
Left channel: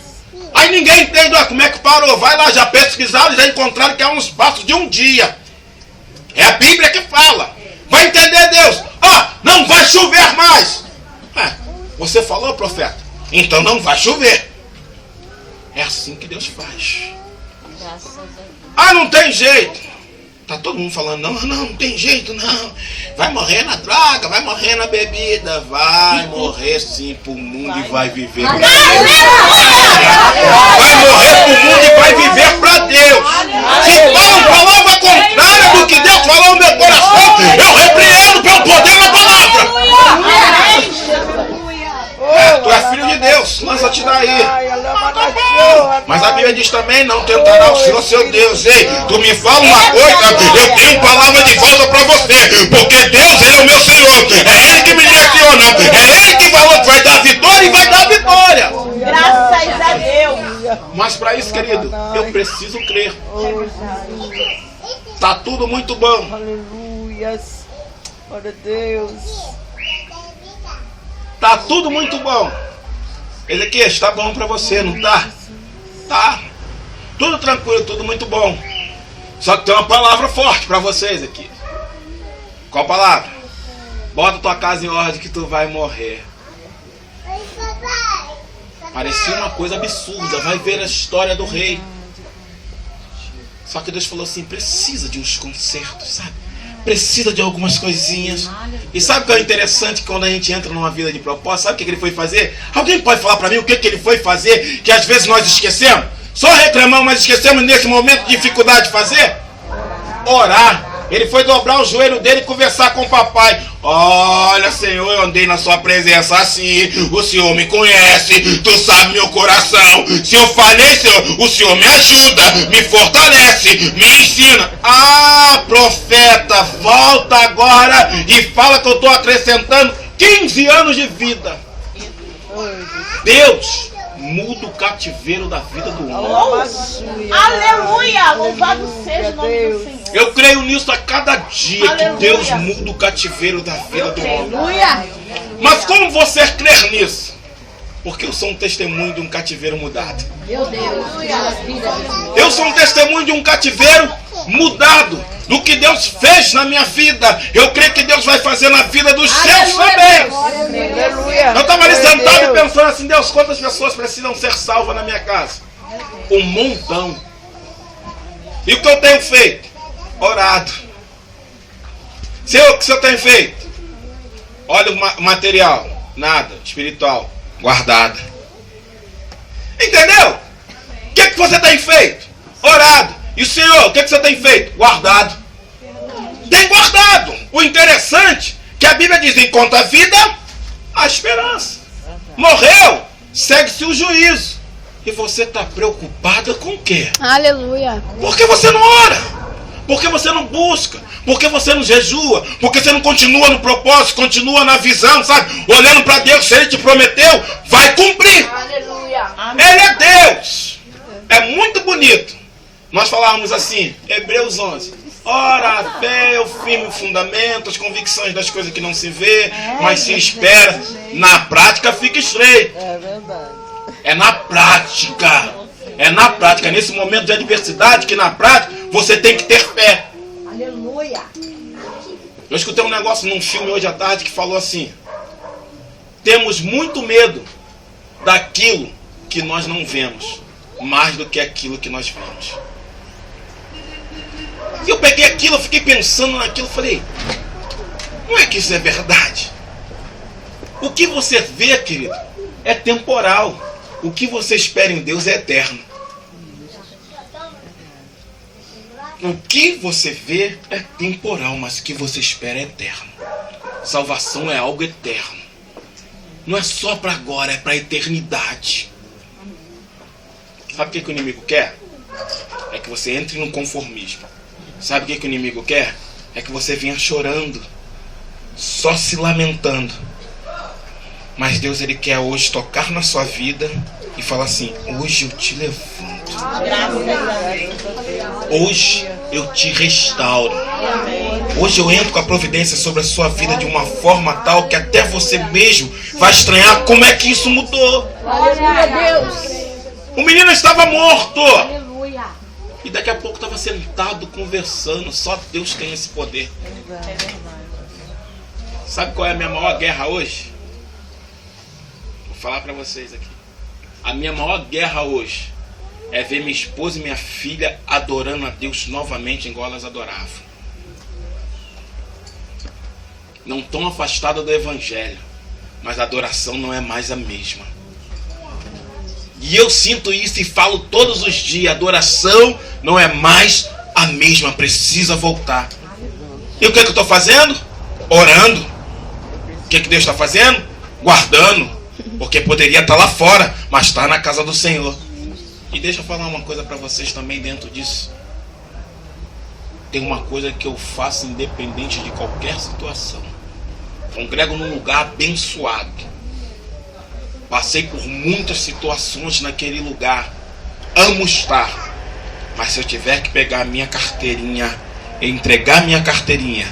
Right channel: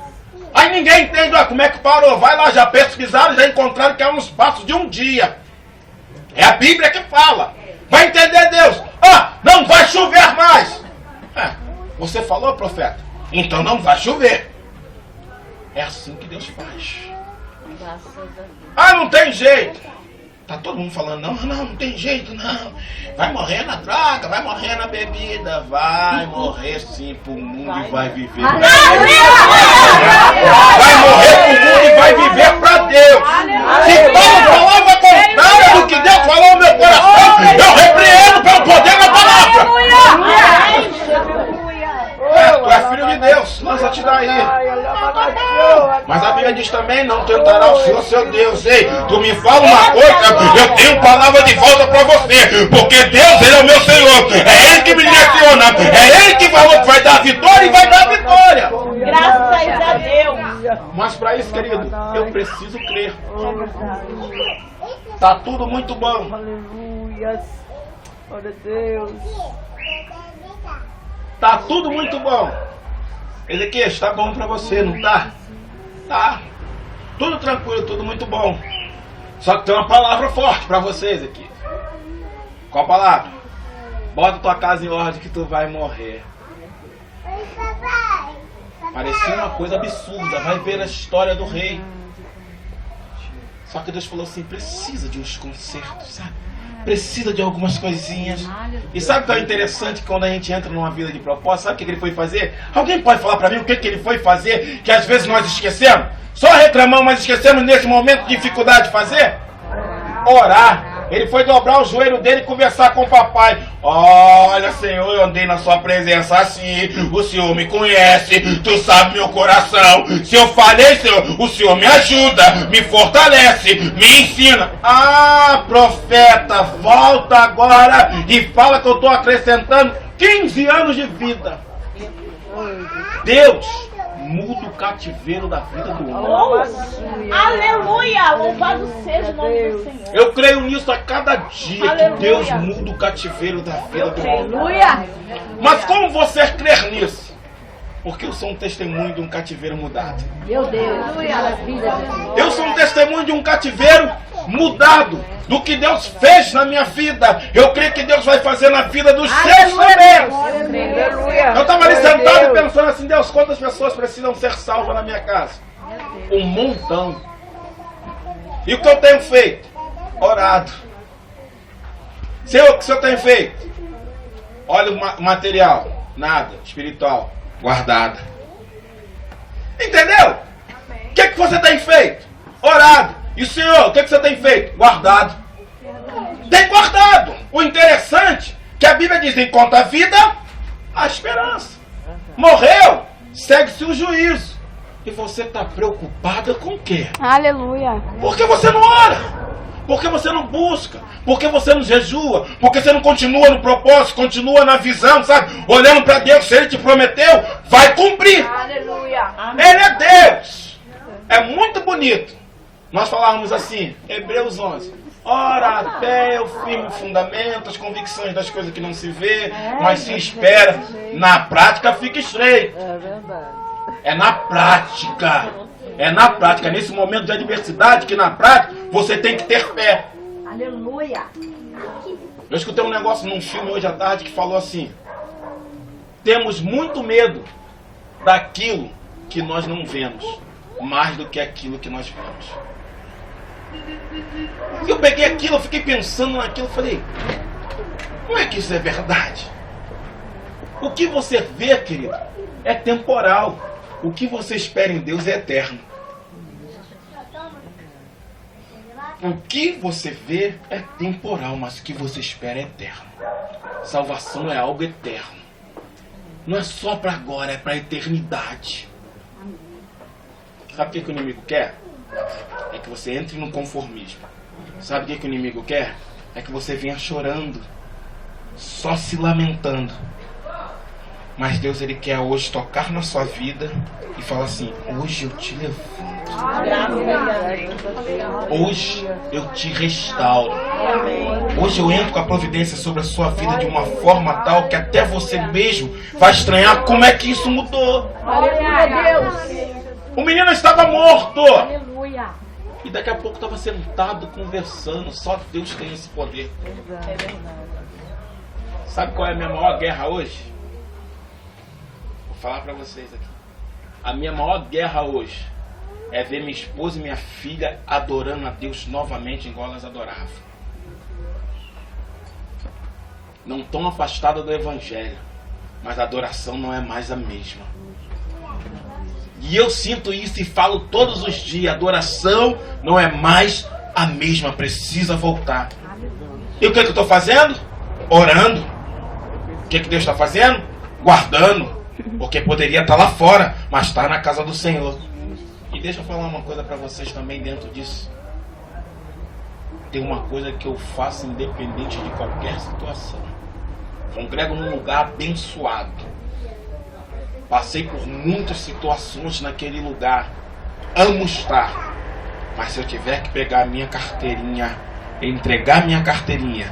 Aí ninguém entende, como é que parou. Vai lá, já pesquisaram, já encontraram que é um espaço de um dia. É a Bíblia que fala. Vai entender Deus. Não vai chover mais. Você falou, profeta? Então não vai chover. É assim que Deus faz. Não tem jeito. Tá todo mundo falando, não tem jeito, não. Vai morrer na droga, vai morrer na bebida. Vai morrer sim pro mundo e vai viver pra Deus. Vai morrer pro mundo e vai viver pra Deus. Se Paulo falava contrária do que Deus falou no meu coração, eu repreendo pelo poder da palavra. Tu é filho de Deus, lança te daí. Mas a Bíblia diz também, não tentará o Senhor seu Deus. Ei, tu me fala uma coisa, eu tenho palavra de volta para você. Porque Deus, Ele é o meu Senhor. É Ele que me direciona. É Ele que falou que vai dar vitória e vai dar vitória. Graças a Deus. Mas para isso, querido, eu preciso crer. Tá tudo muito bom. Aleluia. Glória a Deus. Tá tudo muito bom. Ezequias, tá bom pra você, não tá? Tá. Tudo tranquilo, tudo muito bom. Só que tem uma palavra forte pra você, Ezequias. Qual palavra? Bota tua casa em ordem que tu vai morrer. Parecia uma coisa absurda. Vai ver a história do rei. Só que Deus falou assim, precisa de uns consertos, sabe? Precisa de algumas coisinhas. E sabe o que é interessante quando a gente entra numa vida de propósito? Sabe o que ele foi fazer? Alguém pode falar para mim o que ele foi fazer que às vezes nós esquecemos? Só reclamamos, mas esquecemos nesse momento de dificuldade de fazer? Orar. Ele foi dobrar o joelho dele e conversar com o papai. Olha, Senhor, eu andei na sua presença assim. O Senhor me conhece. Tu sabe meu coração. Se eu falhei, Senhor, o Senhor me ajuda, me fortalece, me ensina. Profeta, volta agora e fala que eu estou acrescentando 15 anos de vida. Deus muda o cativeiro da vida do homem. Aleluia! Louvado seja o nome do Senhor. Eu creio nisso a cada dia. Aleluia. Que Deus muda o cativeiro da vida do homem. Aleluia! Mas como você crer nisso? Porque eu sou um testemunho de um cativeiro mudado. Meu Deus! Eu sou um testemunho de um cativeiro mudado. Do que Deus fez na minha vida. Eu creio que Deus vai fazer na vida dos seus também. Eu estava ali sentado e pensando assim, Deus, quantas pessoas precisam ser salvas na minha casa? Um montão. E o que eu tenho feito? Orado. O que eu tenho feito? Olha o material. Nada. Espiritual. Guardado. Entendeu? O que você tem feito? Orado. E o Senhor, o que você tem feito? Guardado. Tem guardado. O interessante é que a Bíblia diz, enquanto a vida, a esperança. Morreu, segue-se o juízo. E você está preocupada com o quê? Aleluia. Por que você não ora? Por que você não busca? Por que você não jejua? Por que você não continua no propósito, continua na visão, sabe? Olhando para Deus, se Ele te prometeu, vai cumprir. Aleluia. Ele é Deus. É muito bonito. Nós falávamos assim, Hebreus 11. Ora, a fé é o firme fundamento, as convicções das coisas que não se vê, mas se espera. Na prática fica estreito. É verdade. É na prática. É na prática. Nesse momento de adversidade, que na prática você tem que ter fé. Aleluia. Eu escutei um negócio num filme hoje à tarde que falou assim. Temos muito medo daquilo que nós não vemos, mais do que aquilo que nós vemos. E eu peguei aquilo, eu fiquei pensando naquilo, falei, não é que isso é verdade? O que você vê, querido, é temporal. O que você espera em Deus é eterno. O que você vê é temporal, mas o que você espera é eterno. Salvação é algo eterno. Não é só para agora, é para a eternidade. Sabe o que o inimigo quer? É que você entre no conformismo. Sabe o que o inimigo quer? É que você venha chorando, só se lamentando. Mas Deus, Ele quer hoje tocar na sua vida e falar assim: hoje eu te levanto. Hoje eu te restauro. Hoje eu entro com a providência sobre a sua vida de uma forma tal que até você mesmo vai estranhar como é que isso mudou. O menino estava morto. E daqui a pouco estava sentado conversando. Só Deus tem esse poder. Sabe qual é a minha maior guerra hoje? Vou falar para vocês aqui. A minha maior guerra hoje é ver minha esposa e minha filha adorando a Deus novamente igual elas adoravam. Não estão afastadas do Evangelho, mas a adoração não é mais a mesma. E eu sinto isso e falo todos os dias: a adoração não é mais a mesma, precisa voltar. E o que eu estou fazendo? Orando. O que Deus está fazendo? Guardando. Porque poderia estar lá fora, mas está na casa do Senhor. E deixa eu falar uma coisa para vocês também dentro disso. Tem uma coisa que eu faço independente de qualquer situação. Congrego num lugar abençoado. Passei por muitas situações naquele lugar. Amo estar. Mas se eu tiver que pegar a minha carteirinha, entregar minha carteirinha,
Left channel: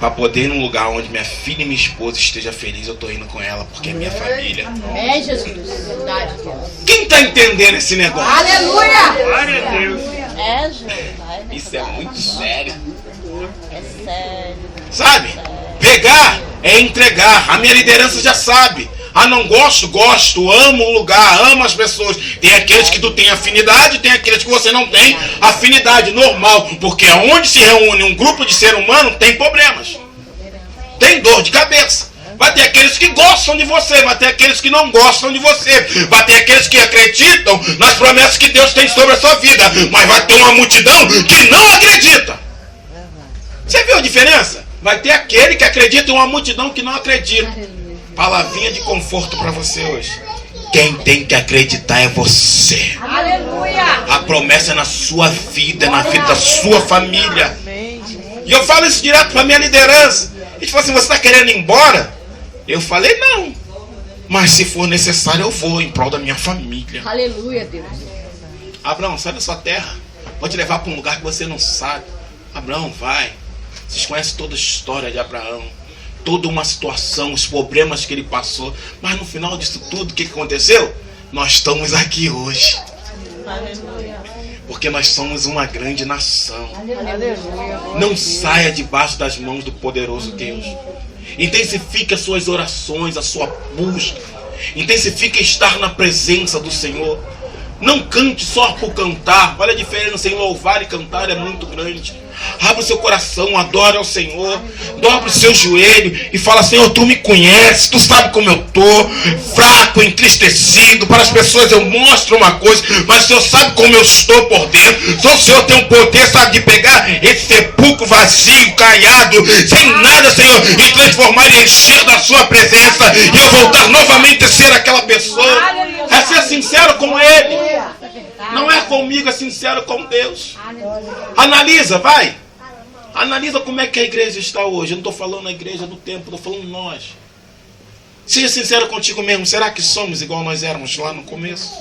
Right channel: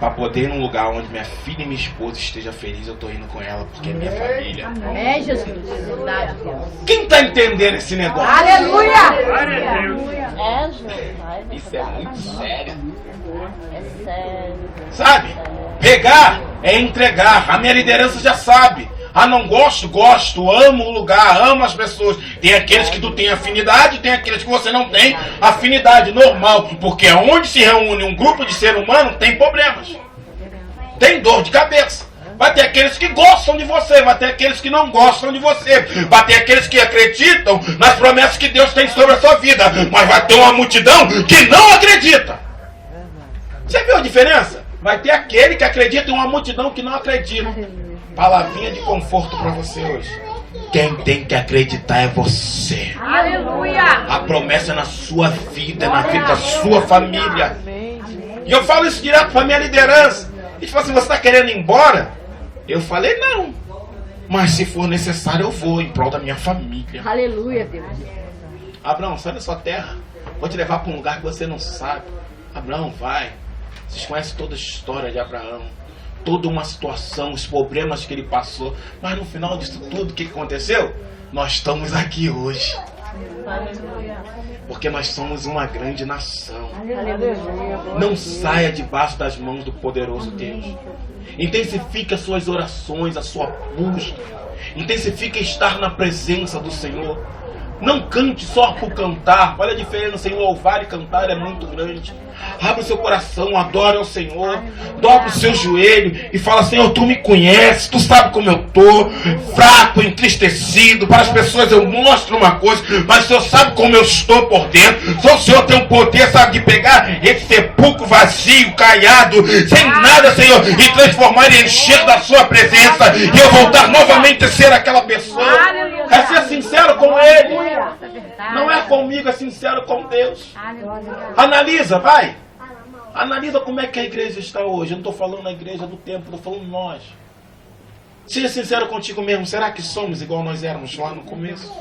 para poder ir num lugar onde minha filha e minha esposa estejam felizes, eu estou indo com ela, porque é minha família. É, Jesus. Verdade. Quem está entendendo esse negócio? Aleluia! Glória a Deus. É, Jesus. Isso é muito sério. É sério. Sabe? Pegar é entregar. A minha liderança já sabe. Ah, não gosto, gosto, amo o lugar, amo as pessoas. Tem aqueles que tu tem afinidade, tem aqueles que você não tem afinidade, normal. Porque onde se reúne um grupo de ser humano, tem problemas. Tem dor de cabeça. Vai ter aqueles que gostam de você, vai ter aqueles que não gostam de você. Vai ter aqueles que acreditam nas promessas que Deus tem sobre a sua vida. Mas vai ter uma multidão que não acredita. Você viu a diferença? Vai ter aquele que acredita e uma multidão que não acredita. Palavrinha de conforto para você hoje. Quem tem que acreditar é você. Aleluia! A promessa é na sua vida, é na vida da sua família. E eu falo isso direto para minha liderança. Eles falam assim: você está querendo ir embora? Eu falei: não. Mas se for necessário eu vou em prol da minha família. Aleluia, Deus. Abraão, sai da sua terra. Vou te levar para um lugar que você não sabe. Abraão, vai. Vocês conhecem toda a história de Abraão. Toda uma situação, os problemas que ele passou. Mas no final disso tudo, o que aconteceu? Nós estamos aqui hoje. Aleluia. Porque nós somos uma grande nação. Aleluia. Não saia debaixo das mãos do poderoso Deus. Intensifique as suas orações, a sua busca. Intensifique estar na presença do Senhor. Não cante só por cantar. Olha a diferença em louvar e cantar, é muito grande. Abra o seu coração, adore ao Senhor. Dobre o seu joelho e fala: Senhor, tu me conheces, tu sabe como eu estou, fraco, entristecido. Para as pessoas eu mostro uma coisa, mas o Senhor sabe como eu estou por dentro. Só o Senhor tem o poder, sabe, de pegar esse sepulcro vazio, caiado, sem nada, Senhor, e transformar e encher da sua presença, e eu voltar novamente a ser aquela pessoa. É ser sincero com Ele. Não é comigo, é sincero com Deus. Analisa, vai. Analisa como é que a igreja está hoje. Eu não estou falando a igreja do templo, estou falando nós. Seja sincero contigo mesmo. Será que somos igual nós éramos lá no começo?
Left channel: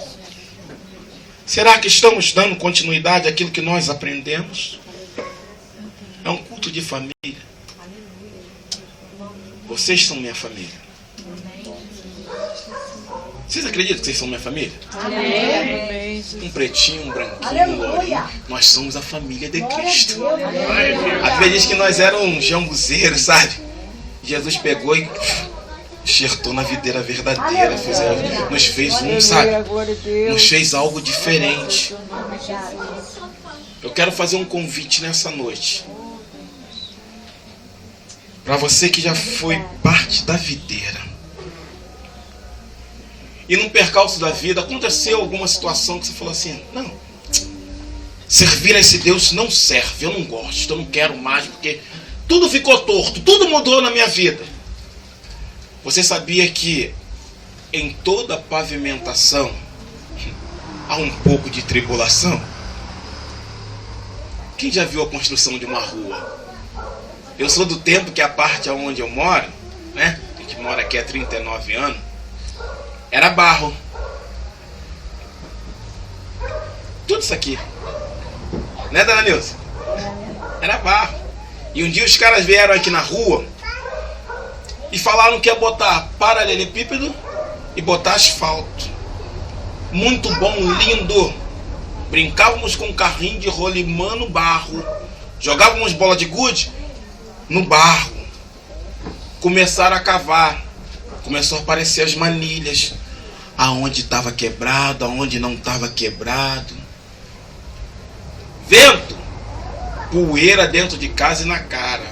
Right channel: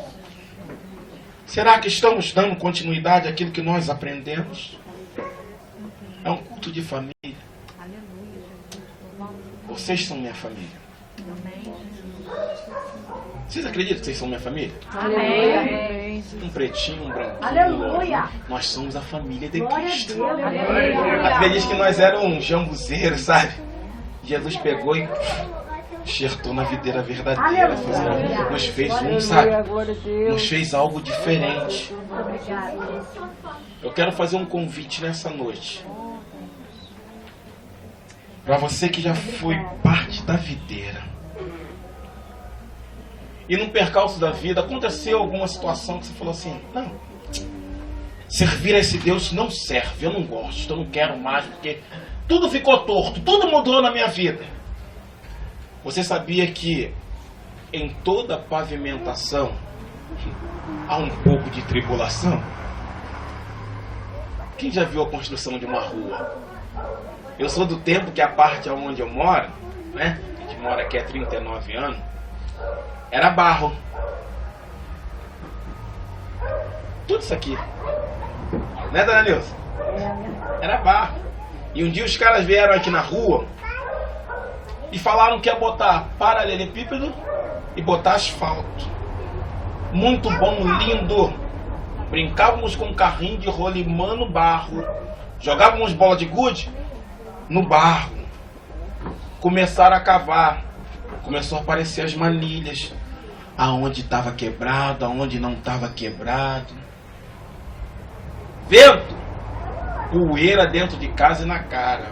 Será que estamos dando continuidade àquilo que nós aprendemos? É um culto de família. Vocês são minha família. Vocês acreditam que vocês são minha família? Amém. Um pretinho, um branquinho, um lourinho. Nós somos a família de Cristo. A Bíblia diz que nós éramos jambuzeiros, sabe? Jesus pegou e enxertou na videira verdadeira. Nos fez um, sabe? Nos fez algo diferente. Eu quero fazer um convite nessa noite. Para você que já foi parte da videira. e num percalço da vida aconteceu alguma situação que você falou assim, não, servir a esse Deus não serve, eu não gosto, eu não quero mais, porque tudo ficou torto, tudo mudou na minha vida. Você sabia que em toda pavimentação há um pouco de tribulação? Quem já viu a construção de uma rua? Eu sou do tempo que a parte onde eu moro, né? A gente mora aqui há 39 anos, era barro. Tudo isso aqui. Né, dona Nilson? Era barro. E um dia os caras vieram aqui na rua e falaram que ia botar paralelepípedo e botar asfalto. Muito bom, lindo. Brincávamos com um carrinho de rolimã no barro. Jogávamos bola de gude no barro. Começaram a cavar. Começou a aparecer as manilhas. Aonde estava quebrado, aonde não estava quebrado. Vento, poeira dentro de casa e na cara.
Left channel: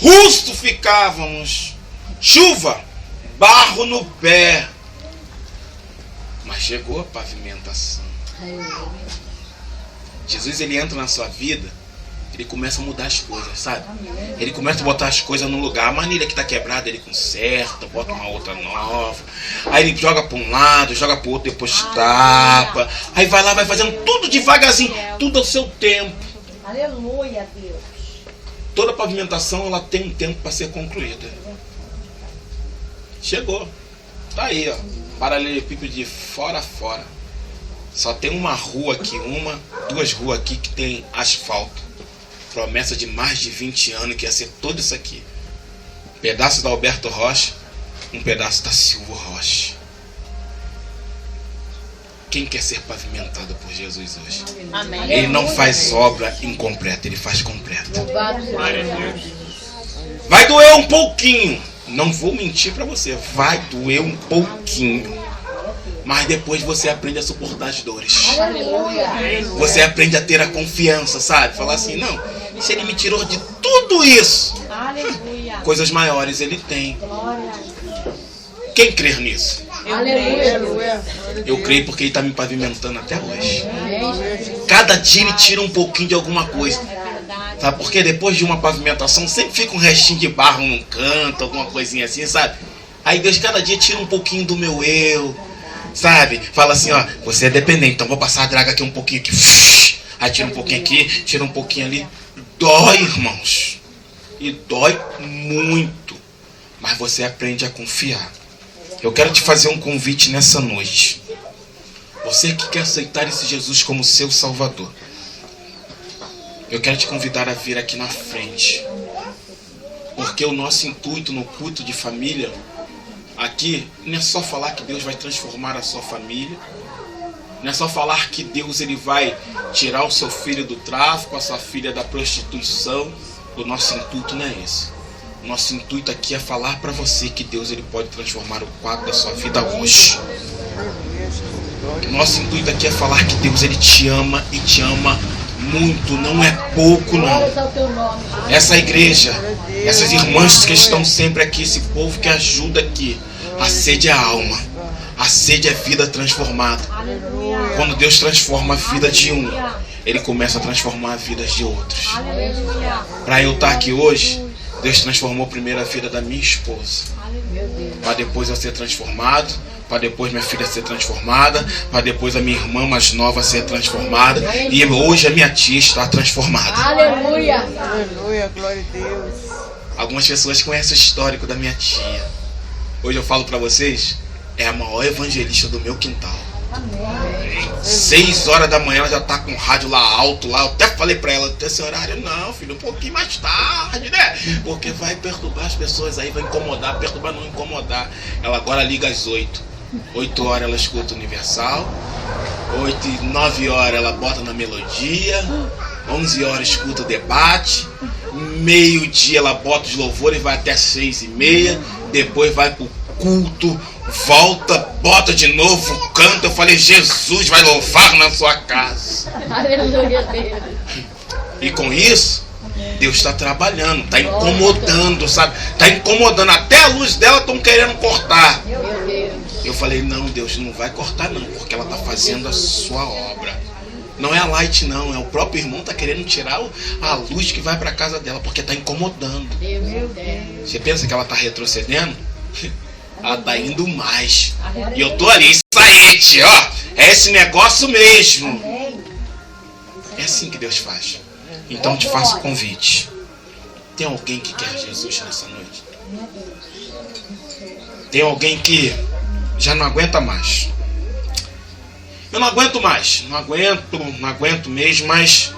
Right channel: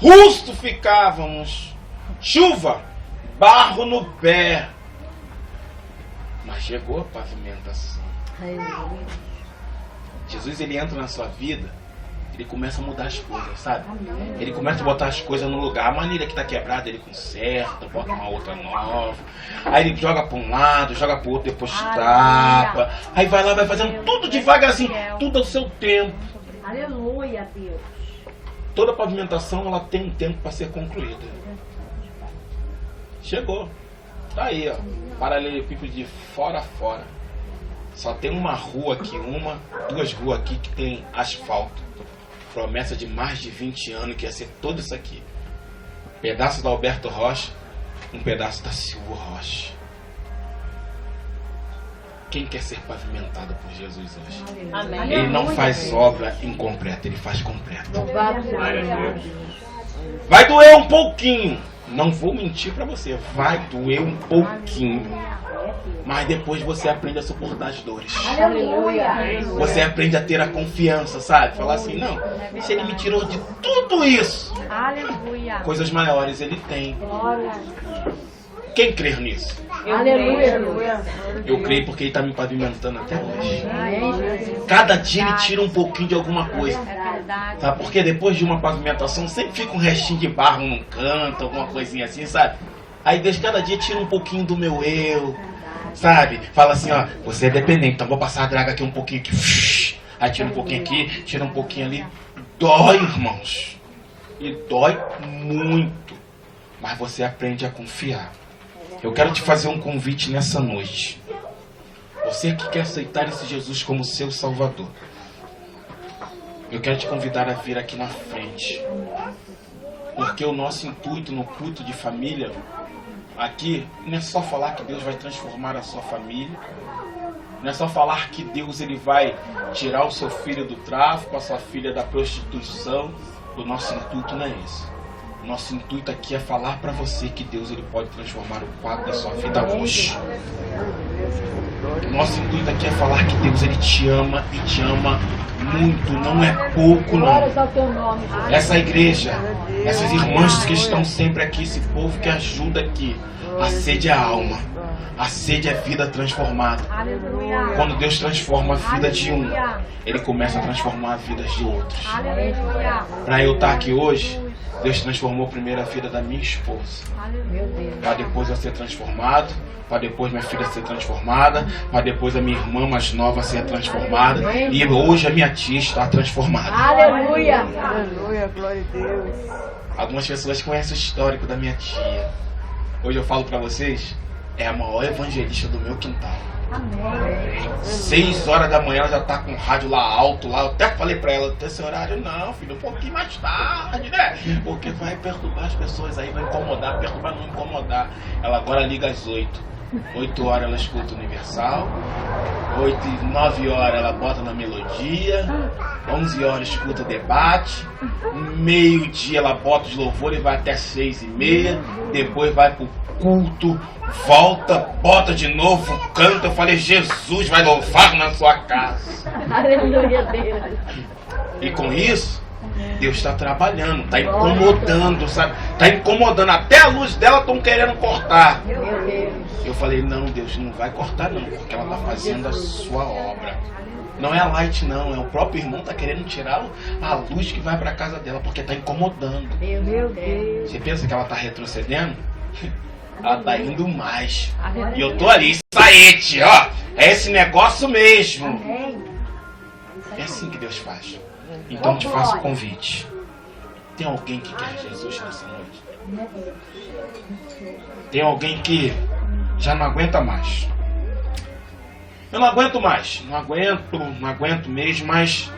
Rusto ficávamos. Chuva, barro no pé. Mas chegou a pavimentação. Jesus, ele entra na sua vida, ele começa a mudar as coisas, sabe? Ele começa a botar as coisas no lugar. A manilha que está quebrada, ele conserta, bota uma outra nova. Aí ele joga para um lado, joga para o outro, depois tapa. Aí vai lá, vai fazendo tudo devagarzinho, tudo ao seu tempo. Aleluia, Deus. Toda pavimentação, ela tem um tempo para ser concluída. Chegou. Tá aí, ó. Paralelepípedo de fora a fora. Só tem uma rua aqui, duas ruas aqui que tem asfalto. Promessa de mais de 20 anos que ia ser tudo isso aqui. Pedaço da Alberto Rocha, um pedaço da Silvio Rocha. Quem quer ser pavimentado por Jesus hoje? Amém. Ele não faz obra incompleta, ele faz completa. Vai doer um pouquinho. Não vou mentir para você, vai doer um pouquinho. Mas depois você aprende a suportar as dores. Aleluia. Você aprende a ter a confiança, sabe? Falar assim, não, se ele me tirou de tudo isso, Aleluia. coisas maiores ele tem. Glória. Quem crer nisso? Aleluia. Eu creio porque ele está me pavimentando até hoje. Cada dia ele tira um pouquinho de alguma coisa. Sabe? Porque depois de uma pavimentação sempre fica um restinho de barro num canto, alguma coisinha assim, sabe? Aí Deus cada dia tira um pouquinho do meu eu, sabe? Fala assim, ó, você é dependente, então vou passar a draga aqui um pouquinho aqui. Aí tira um pouquinho aqui, tira um pouquinho ali. Dói, irmãos. E dói muito. Mas você aprende a confiar. Eu quero te fazer um convite nessa noite. Você que quer aceitar esse Jesus como seu Salvador, eu quero te convidar a vir aqui na frente. Porque o nosso intuito no culto de família aqui não é só falar que Deus vai transformar a sua família. Não é só falar que Deus ele vai tirar o seu filho do tráfico, a sua filha da prostituição. O nosso intuito não é esse. O nosso intuito aqui é falar para você que Deus ele pode transformar o quadro da sua vida hoje. O nosso intuito aqui é falar que Deus ele te ama e te ama muito, não é pouco não. Essa igreja, essas irmãs que estão sempre aqui, esse povo que ajuda aqui, a sede é a alma, a sede é vida transformada. Quando Deus transforma a vida de um, ele começa a transformar a vida de outros. Para eu estar aqui hoje, Deus transformou primeiro a vida da minha esposa, para depois eu ser transformado, para depois minha filha ser transformada, para depois a minha irmã mais nova ser transformada, e hoje a minha tia está transformada. Aleluia. Aleluia, glória a Deus. Algumas pessoas conhecem o histórico da minha tia. Hoje eu falo para vocês, é a maior evangelista do meu quintal. 6 horas da manhã ela já tá com o rádio lá alto, lá. Eu até falei pra ela, até esse horário, não, filho, um pouquinho mais tarde, né? Porque vai perturbar as pessoas aí, vai incomodar, perturbar não incomodar. Ela agora liga às 8. 8 horas ela escuta o Universal. 9 horas ela bota na melodia. 11 horas escuta o debate. Meio-dia ela bota os louvores e vai até 6h30. Depois vai pro culto. Volta, bota de novo, canta. Eu falei, Jesus vai louvar na sua casa. Aleluia, Deus. E com isso, Deus está trabalhando, está incomodando, sabe? Está incomodando. Até a luz dela estão querendo cortar. Eu falei, não, Deus, não vai cortar não, porque ela está fazendo a sua obra. Não é a Light não, é o próprio irmão que está querendo tirar a luz que vai para a casa dela, porque está incomodando. Você pensa que ela está retrocedendo? Ela está indo mais. E eu tô ali, saíte, ó. É esse negócio mesmo. É assim que Deus faz. Então te faço o convite. Tem alguém que quer Jesus nessa noite? Tem alguém que já não aguenta mais? Eu não aguento mais. Não aguento mesmo, mas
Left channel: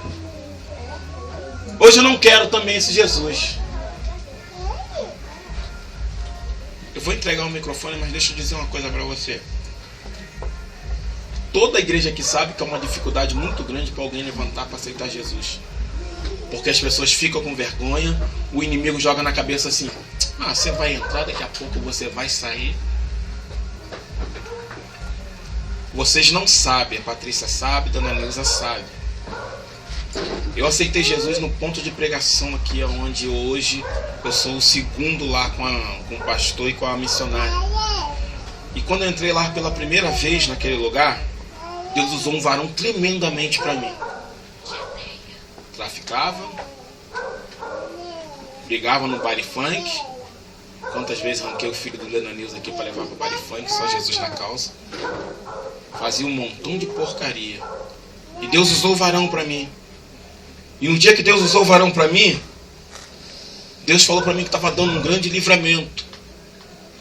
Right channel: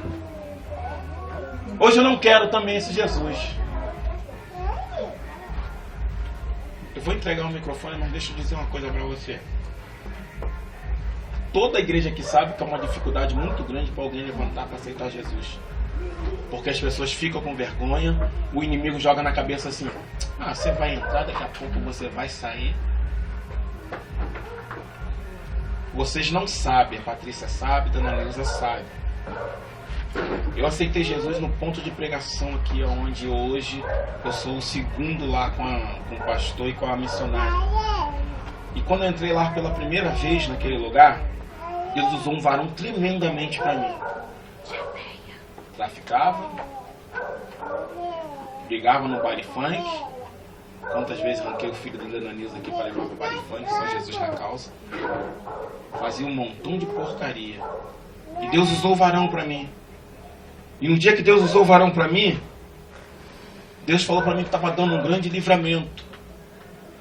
hoje eu não quero também esse Jesus. Eu vou entregar o microfone, mas deixa eu dizer uma coisa para você. Toda a igreja aqui sabe que é uma dificuldade muito grande para alguém levantar para aceitar Jesus. Porque as pessoas ficam com vergonha, o inimigo joga na cabeça assim, você vai entrar, daqui a pouco você vai sair. Vocês não sabem, a Patrícia sabe, a Dona Neuza sabe. Eu aceitei Jesus no ponto de pregação aqui, onde hoje eu sou o segundo lá com o pastor e com a missionária. E quando eu entrei lá pela primeira vez naquele lugar, Deus usou um varão tremendamente para mim. Traficava, brigava no baile funk. Quantas vezes arranquei o filho do Dona Neuza aqui para levar para o baile funk, só Jesus na causa. Fazia um montão de porcaria. E Deus usou o varão para mim. E no dia que Deus usou o varão para mim, Deus falou para mim que estava dando um grande livramento.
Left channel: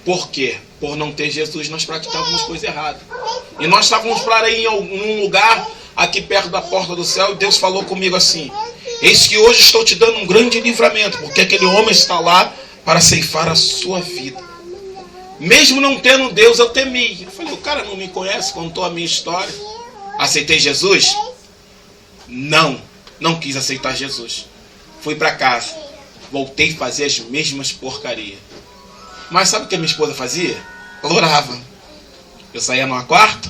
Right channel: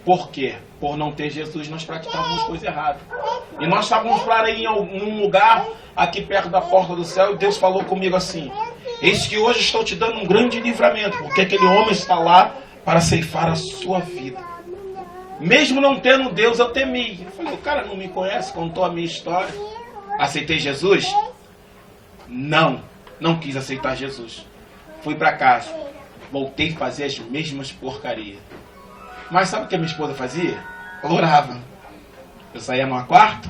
Por quê? Por não ter Jesus, nós praticávamos coisa errada. E nós estávamos para ir em um lugar aqui perto da porta do céu, e Deus falou comigo assim: eis que hoje estou te dando um grande livramento, porque aquele homem está lá para ceifar a sua vida. Mesmo não tendo Deus, eu temi. Eu falei, o cara não me conhece, contou a minha história. Aceitei Jesus? Não quis aceitar Jesus. Fui para casa, voltei a fazer as mesmas porcarias. Mas sabe o que a minha esposa fazia? Ela orava. Eu saía numa quarta,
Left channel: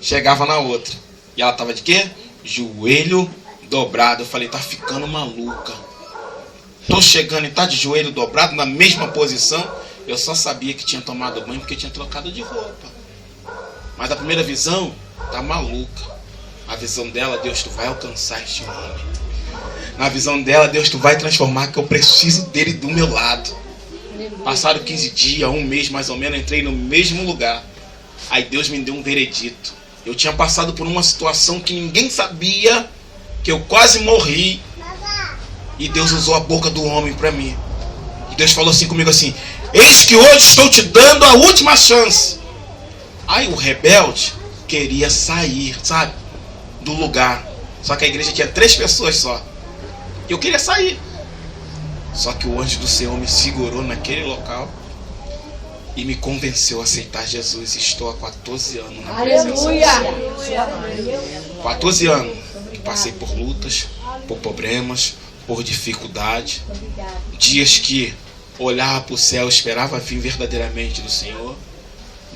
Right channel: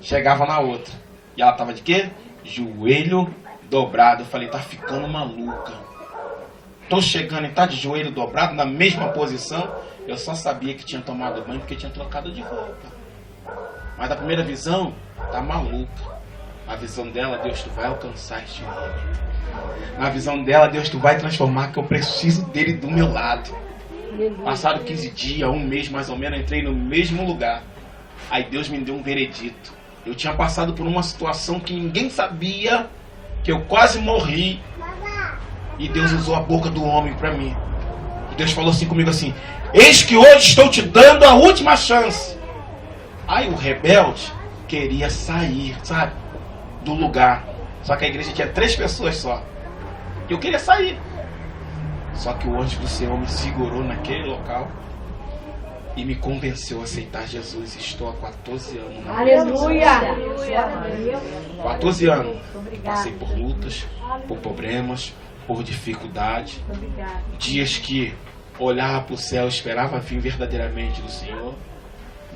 chegava na outra. E ela estava de quê? Joelho dobrado. Eu falei, tá ficando maluca. Tô chegando e tá de joelho dobrado na mesma posição. Eu só sabia que tinha tomado banho porque tinha trocado de roupa. Mas a primeira visão, tá maluca. A visão dela, Deus, tu vai alcançar este homem. Na visão dela, Deus, tu vai transformar, que eu preciso dele do meu lado. Passaram 15 dias, um mês mais ou menos, entrei no mesmo lugar. Aí Deus me deu um veredito. Eu tinha passado por uma situação que ninguém sabia, que eu quase morri. E Deus usou a boca do homem para mim. E Deus falou assim comigo assim: eis que hoje estou te dando a última chance. Aí o rebelde queria sair, sabe, do lugar. Só que a igreja tinha 3 pessoas só. Eu queria sair. Só que o anjo do Senhor me segurou naquele local e me convenceu a aceitar Jesus. Estou há 14 anos na presença do Senhor. 14 anos. Passei por lutas, por problemas, por dificuldade. Dias que olhava para o céu, esperava vir verdadeiramente do Senhor.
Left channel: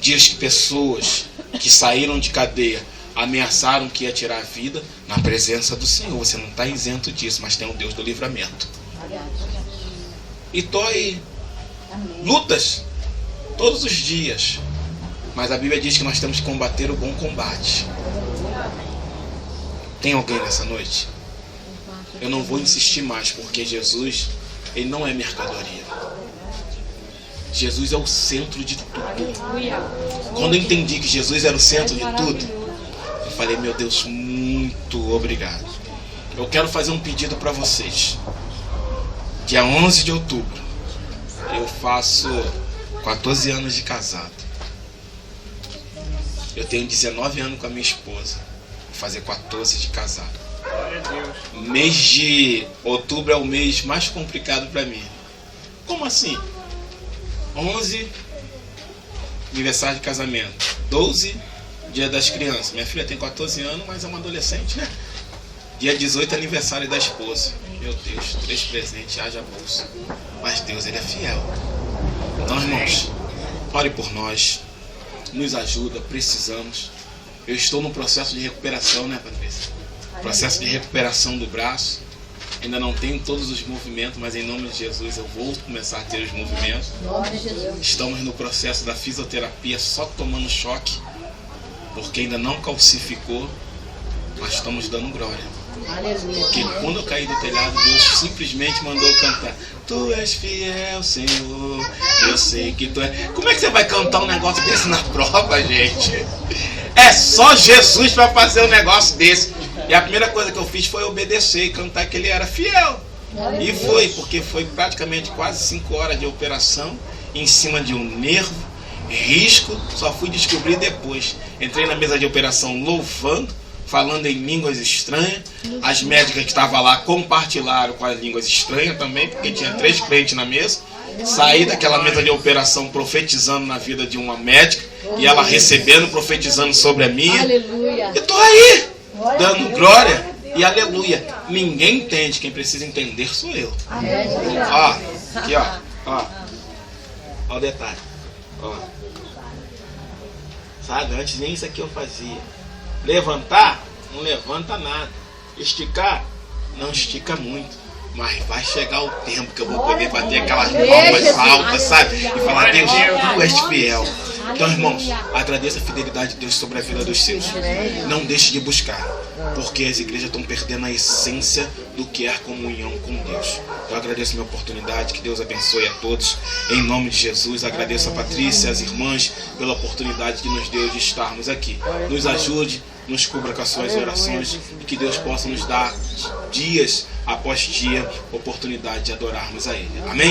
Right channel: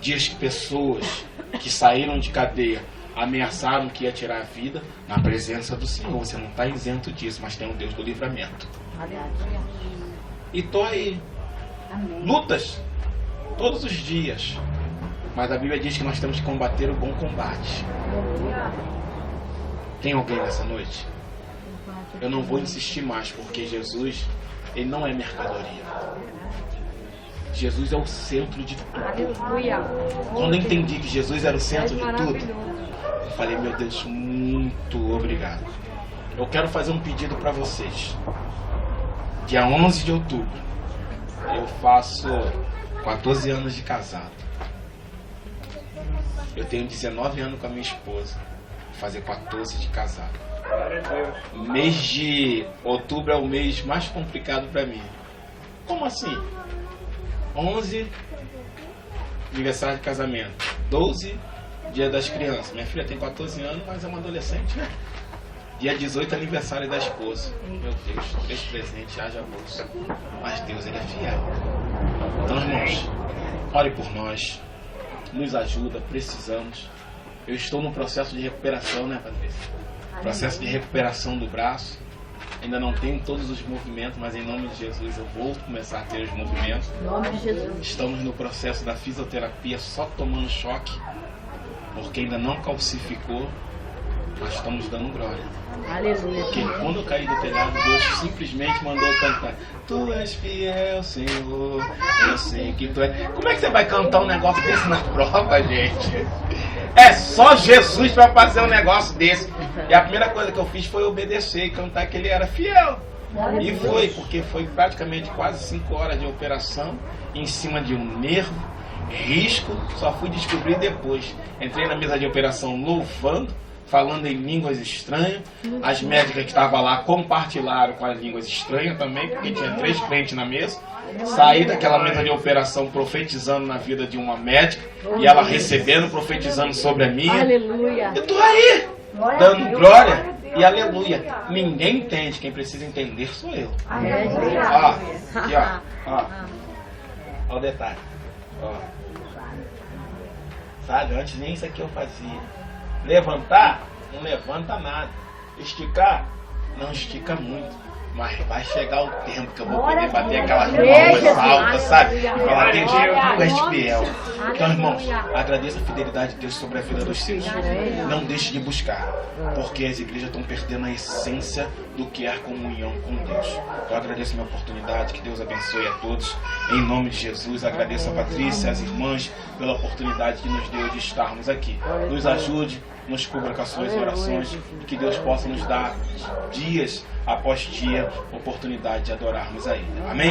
Dias que pessoas que saíram de cadeia ameaçaram que ia tirar a vida. Na presença do Senhor. Você não está isento disso, mas tem um Deus do livramento. E estou aí. Lutas todos os dias. Mas a Bíblia diz que nós temos que combater o bom combate. Tem alguém nessa noite? Eu não vou insistir mais, porque Jesus, ele não é mercadoria. Jesus é o centro de tudo. Quando eu entendi que Jesus era o centro de tudo, eu falei, meu Deus, muito obrigado. Eu quero fazer um pedido para vocês. Dia 11 de outubro, eu faço 14 anos de casado. Eu tenho 19 anos com a minha esposa. Vou fazer 14 de casado. Mês de outubro é o mês mais complicado para mim. Como assim? 11, aniversário de casamento. 12, dia das crianças. Minha filha tem 14 anos, mas é uma adolescente, né? Dia 18, aniversário da esposa. Meu Deus, 3 presentes, haja bolsa. Mas Deus, ele é fiel. Então, irmãos, ore por nós. Nos ajuda, precisamos. Eu estou no processo de recuperação, né, Patrícia? Processo de recuperação do braço. Ainda não tenho todos os movimentos, mas em nome de Jesus eu vou começar a ter os movimentos. Em nome de Jesus. Estamos no processo da fisioterapia, só tomando choque, porque ainda não calcificou, mas estamos dando glória. Aleluia. Porque quando eu caí do telhado, Deus simplesmente mandou cantar: Tu és fiel, Senhor, eu sei que Tu és. Como é que você vai cantar um negócio desse na prova, gente? É só Jesus para fazer um negócio desse. E a primeira coisa que eu fiz foi obedecer e cantar que Ele era fiel. E foi, porque foi praticamente quase 5 horas de operação, em cima de um nervo, risco, só fui descobrir depois. Entrei na mesa de operação louvando, falando em línguas estranhas. As médicas que estavam lá compartilharam com as línguas estranhas também, porque tinha 3 crentes na mesa. Saí daquela mesa de operação profetizando na vida de uma médica, e ela recebendo, profetizando sobre a minha. Aleluia. Eu estou aí, dando glória e aleluia. Ninguém entende, quem precisa entender sou eu. Ó, aqui ó, ó o detalhe, ó. Sabe, antes nem isso aqui eu fazia. Levantar, não levanta nada. Esticar, não estica muito. Mas vai chegar o tempo que eu vou poder bater aquelas palmas altas, sabe? E falar: Deus, Tu és fiel. Então, irmãos, agradeça a fidelidade de Deus sobre a vida dos seus. Não deixe de buscar, porque as igrejas estão perdendo a essência do que é a comunhão com Deus. Então, agradeço a minha oportunidade, que Deus abençoe a todos. Em nome de Jesus, agradeço a Patrícia, as irmãs, pela oportunidade que nos deu de estarmos aqui. Nos ajude, nos cubra com as suas orações, e que Deus possa nos dar dias após dia oportunidade de adorarmos a Ele. Amém?